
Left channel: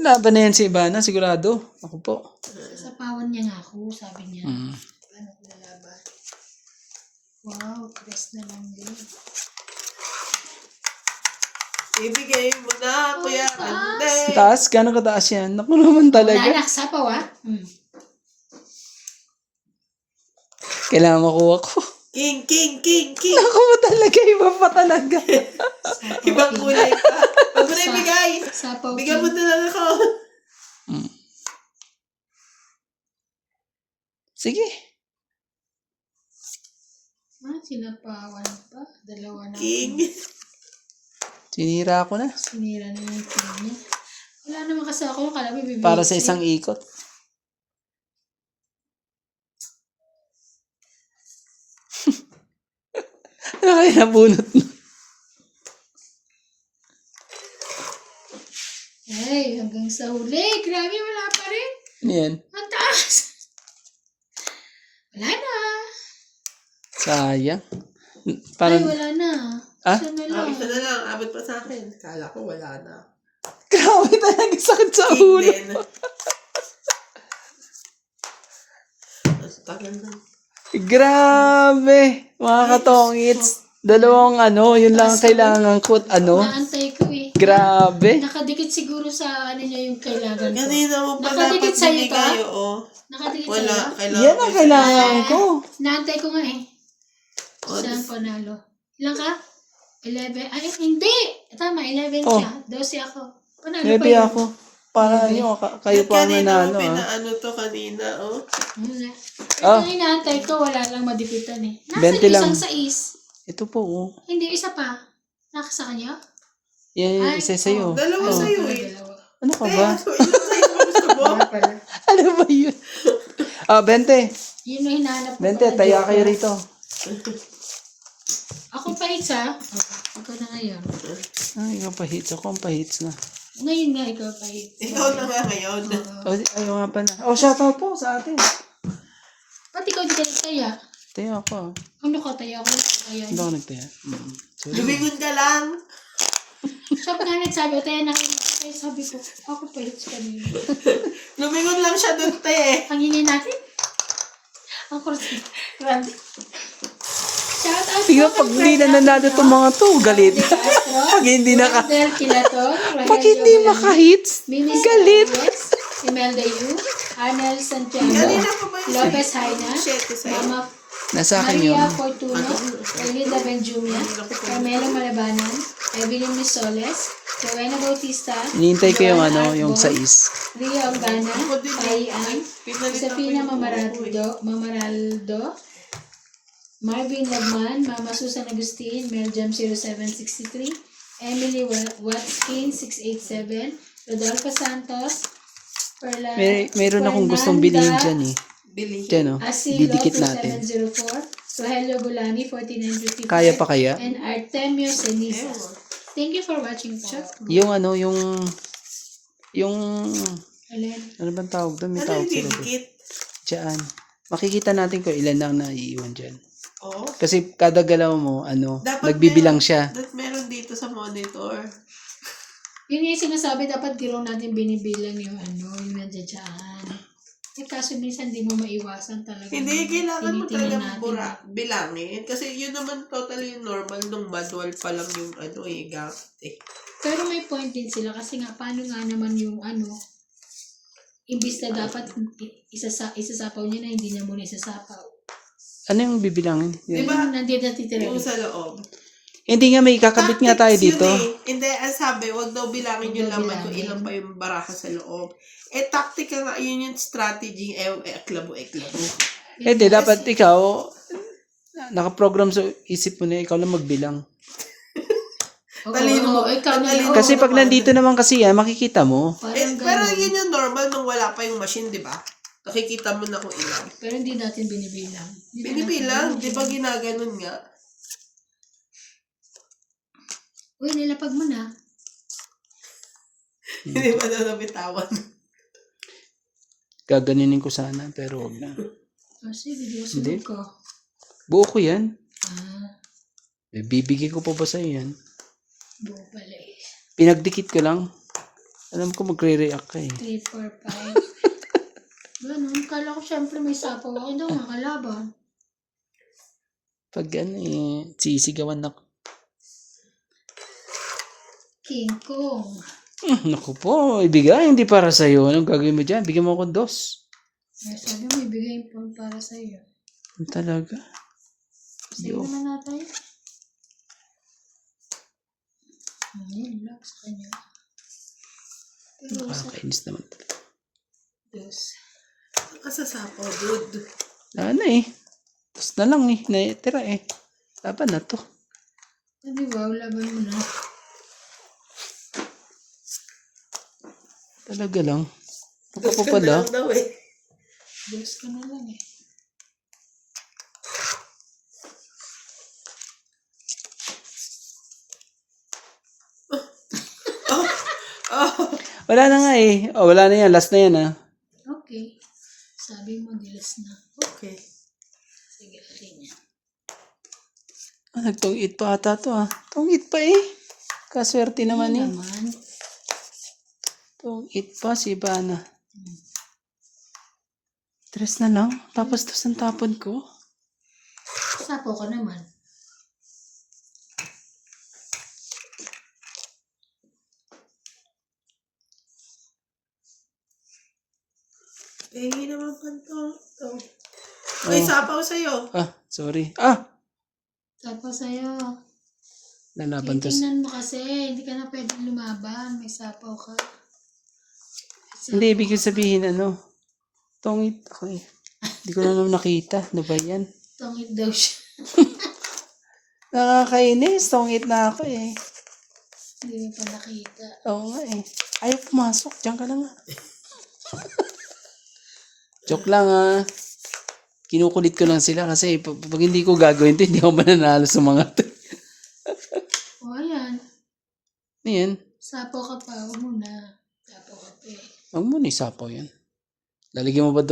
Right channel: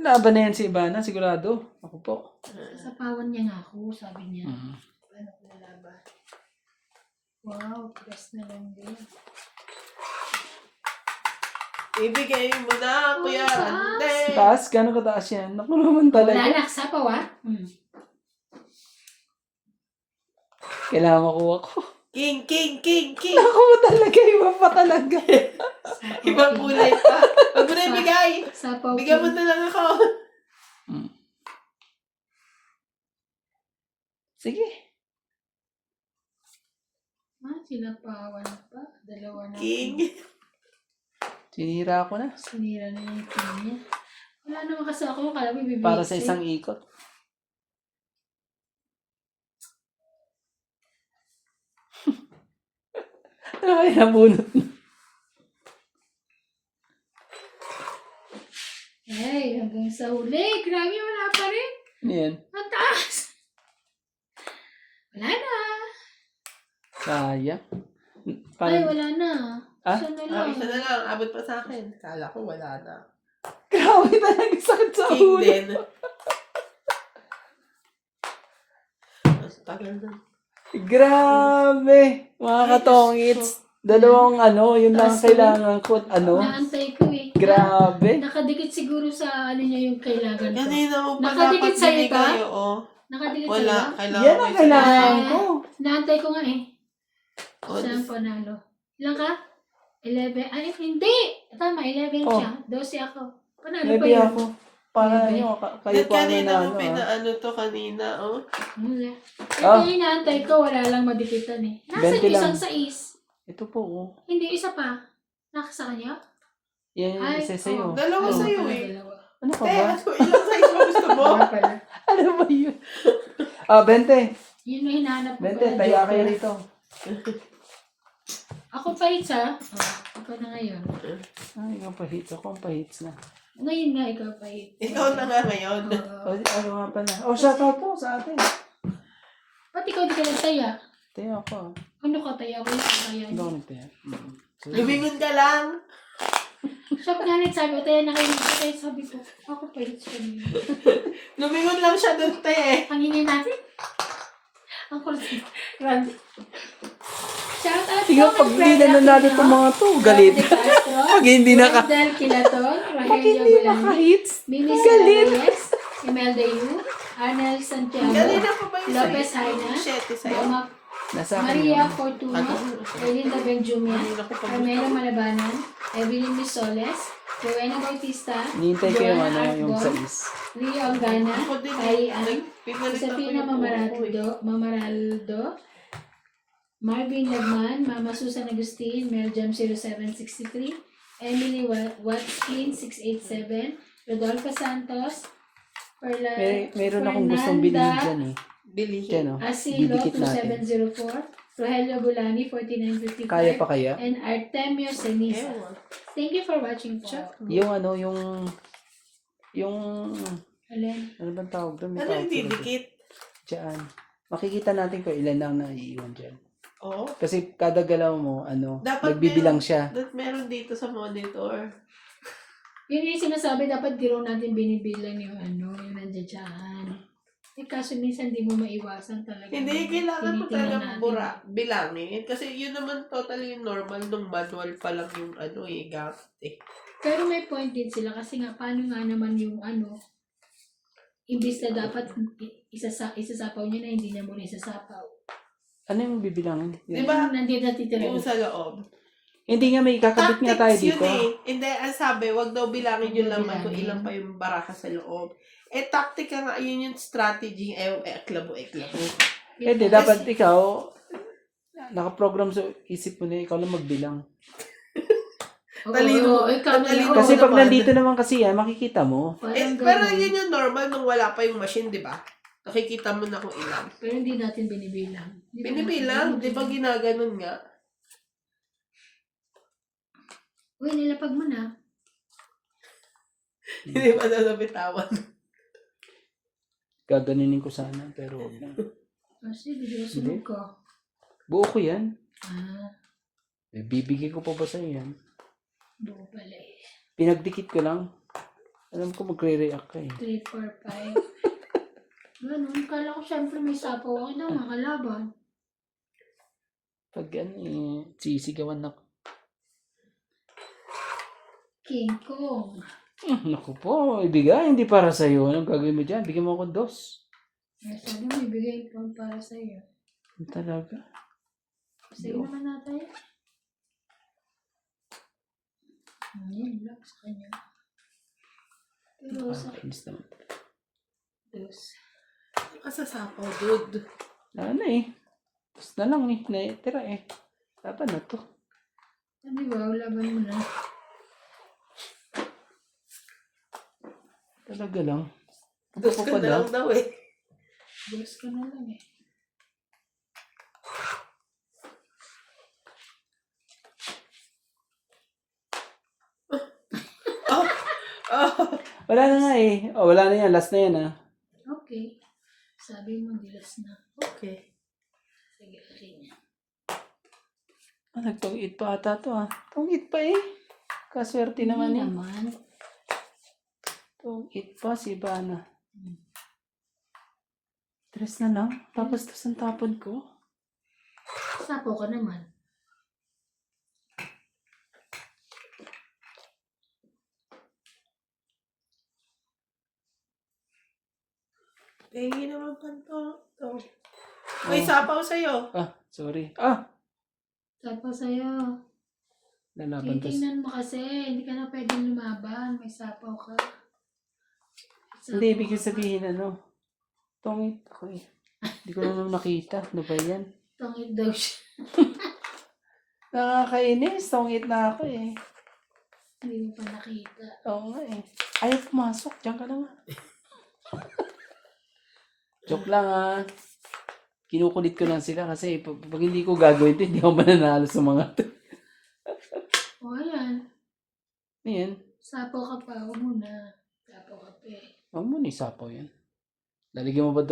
Laban na yan si Ivana, sigurado. Ako po. Sasapawan niya nga ako, sabi niya. Mm. Paano ko lalaban? Wow, press na lang din. Ibigay mo na, Kuya Ande. Taas? Gano'ng kataas yan? Naku naman Wala talaga. na, sapaw ah. Kailangan makuha ko. King, king, king, king. Naku mo talaga, iba pa talaga. Ibang kulay pa. Huwag mo na ibigay. Sapaw. Bigyan mo na lang ako. Sige. Sinapawan pa. Dalawa na. King. Sinira ko na. Sinira na yung king niya. Wala naman kasi ako. Kala may bibigay. Para sa isang ikot. Ano kaya nabunot mo? Ay, hanggang sa huli. Grabe, wala pa rin. Ano yan? Ang taas. Wala na. Sayang. Ay, Parang, wala na. Ah? Isa na lang. Isa na lang. Abot pa sa akin. Kala ko wala na. grabe talaga sakit sa King ulo. din. Mas tagal na. Grabe. Mga katongits. Dalawang yun lang ang kailangan ko. Naantay ko eh. Grabe. Nakadikit siguro sa niya yung kailangan ko. Kanina mo pa Nakadikit dapat sa'yo binigay, ka? oo. Nakadikit Wala. sa'yo? Kailangan Yan ang kailangan ko. Naantay ko nga eh. Oh, Saan panalo? Ilan ka? 11. Ay, hindi! Tama, 11 Oh. siya. 12 ako. Panalo pa Maybe yun. ako. Para kayo At pa ang kanina nanalo. mo pinaano to kanina, oh. Wala. Ah. Ito inaantay ko, wala lang madipitan eh. 20 Nasaan lang. isang sais? Ito po. Oh. Hindi, isa pa. Naka sa kanya? Yan yung isa sa'yo. Dalawa Ay, sa'yo wala, eh. dalawa. Ano ka Eh, ba? ilang size mo gusto mo? Wala pala. Ano ba yun? 20. Yun yung hinahanap ko. 20, pala, tayo joker. kayo rito. Ako pa hits ha. Ikaw na ngayon. Ikaw pa hits. Ako ang pa hits na. Ngayon nga ikaw pa hits. Ikaw na nga ngayon. Ayaw nga pala. Shoutout po sa atin. Ba't ikaw di ka nagtaya? Tayo ako. Ano ka taya ko? Taya Hindi niya. ako nagtaya. Lumingon ka lang. Siya pa nga nagsabi, taya na kayo. Kaya sabi ko, ako pa hits kanina. Lumingon lang siya doon, te. Panginin natin. Ang kursi. Shout out Tingnan pag hindi na nanalo itong mga to. Galit. Pag hindi Del Kilaton. Pag hindi maka-hits. Minis Galit. Imelda Yu. Arnel Santiago. Lopez Haina, Siyete sa'yo. Mama Nasa akin yun. Maria Fortuno, Elinda Benjumia, Carmelo Malabanan, Evelyn Misoles, Rowena Bautista, Hinihintay ko yung Joanna yung Arbon, 6. Ria Organa, Ako din Payan, Pinalitan ko Josefina yung ulo ko eh. Mamaraldo, Marvin Lagman, Mama Susan Agustin, Meljam 0763, Emily Watskin 687, Rodolfo Santos, Meron akong gustong bilhin dyan eh. Bili Dyan siya. o. Asilo Didikit natin. 2704, Rogelio Gulani 4955, Kaya pa kaya? and Artemio Senisa. Ewan. Thank you for watching po. Yung Alin? ano bang tawag doon? May Ano tawag yung sila doon. didikit? Diyan. Makikita natin kung ilan lang na iiwan dyan. Oo. Kasi kada galaw mo, Dapat nagbibilang meron- siya. Dapat meron dito sa monitor. Yun yung sinasabi, dapat di raw natin binibilang yung yung nandiyan. Eh kaso minsan di mo maiwasan talaga. Hindi, kailangan mo Tinitingnan talaga natin. bilangin. Kasi yun naman totally normal nung manual pa lang yung gamit eh. Pero may point din sila kasi nga paano nga naman yung imbis na dapat isasapaw niya na hindi niya muna isasapaw. Ano yung bibilangin? Di ba? Yung nandito natitira. Yung sa loob. Hindi nga may kakabit nga tayo Tactics dito. Yun eh. Hindi, ang sabi, wag daw bilangin yung Huwag daw laman kung bilangin. ilan pa yung baraha sa loob. Eh, taktika nga, yun yung strategy. Eklabo. Hindi, dapat ikaw, nakaprogram sa isip mo na ikaw lang magbilang. Talino. Talino. Kasi pag naman. nandito naman kasi yan, makikita mo. Parang Pero ganun. yun yung normal nung wala pa yung machine, di ba? Nakikita mo na kung ilan. Pero hindi natin binibilang. Binibilang, di ba ginaganon nga? Uy, nilapag mo na. Hindi ba na nabitawan? Gaganinin ko sana, pero wag na. Kasi video Hindi. sunod ko. Buo ko yan. Bibigay Bibigay ko pa ba sa'yo yan? buo pala eh. Pinagdikit ko lang. Alam ko magre-react ka eh. 3, 4, 5. Ganun, kala ko syempre may sapaw ako daw, nakalaban. Pag sisigawan na. King Kong. Naku po, ibigay, hindi para sa'yo. Anong gagawin mo dyan? Bigyan mo ako 2. Sabi mo, ibigay po para sa'yo. Talaga? Sa'yo naman natin. Yan lang sa kanya. Pero sa Nakakainis naman. dos. Kasasapaw, dude. Ano eh. Tapos na lang eh. Naitira eh. Laban na to. Sabi ba, laban mo na. Talaga lang. Dos Ako ka na pala. lang daw eh. Dos ka na lang eh. Wala na nga eh. Oh, wala na yan. Last na yan ah. Okay. Sabi mo, dilas na. Okay. Sige, akin yan. Nagtong-it pa ata to ah. Tong-it pa eh. Kaswerte naman eh. Naman. Tong-it pa si Ivana. 3 na lang. Tapos to ang tapon ko. Sapo ka naman. Hingi naman pa to. May sapaw sa'yo. Ah, sorry. Ah! Sapo sa'yo. Lalaban to. Tingnan mo kasi, hindi ka na pwedeng lumaban. May sapaw ka. Hindi, ibig sabihin ano. Tong-it ako eh. Hindi ko na naman nakita. Ano ba yan? Tungit daw siya. Nakakainis. Tong-it na ako eh. Hindi mo pa nakita. Oo nga eh. Ayaw pumasok. Diyan ka lang ah. Joke lang ah. Kinukulit ko lang sila kasi pag hindi ko gagawin to, hindi ako mananalo sa mga to. O, ayan. Ayan. Sapo ka pa. Huwag muna. Sapo ka pa eh. Huwag mo na isapaw yan. Lalagyan mo ba 2?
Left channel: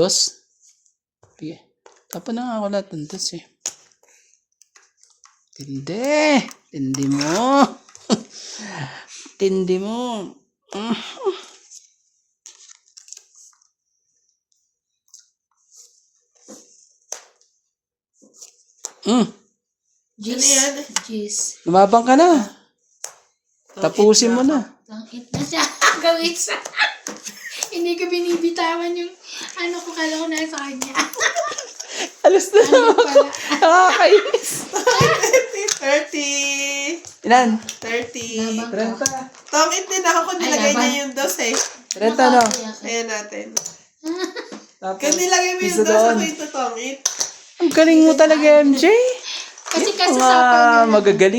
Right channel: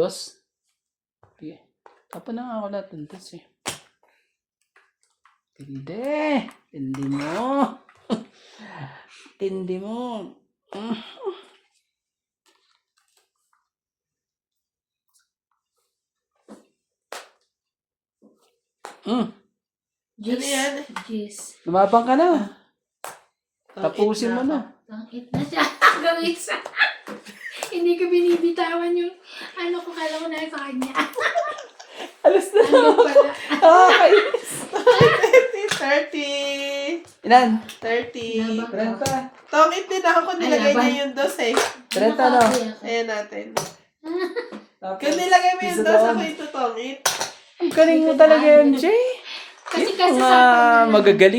Sige. Tapa na nga ako lahat ng 2 eh. Tindi. Tindi mo. Tindi mo. Jis. Ano yan? Jis. Lumabang ka na. Tapusin mo na. Tangit na siya. Gawin sa... Hindi ko binibitawan yung Ano ko, kala ko nasa kanya. Alas na Ano pala? Nakakainis. 30. Ilan? 30. Labang ka. 30. Tongit din ako kung nilagay Ay, niya aba. yung dos eh. 30 no? Ayan natin. Tapos, Kung nilagay mo yung isa dos, doon. ako ito tongit. Ang galing mo talaga, MJ. Kasi Mga kasasapaw na lang. magagaling.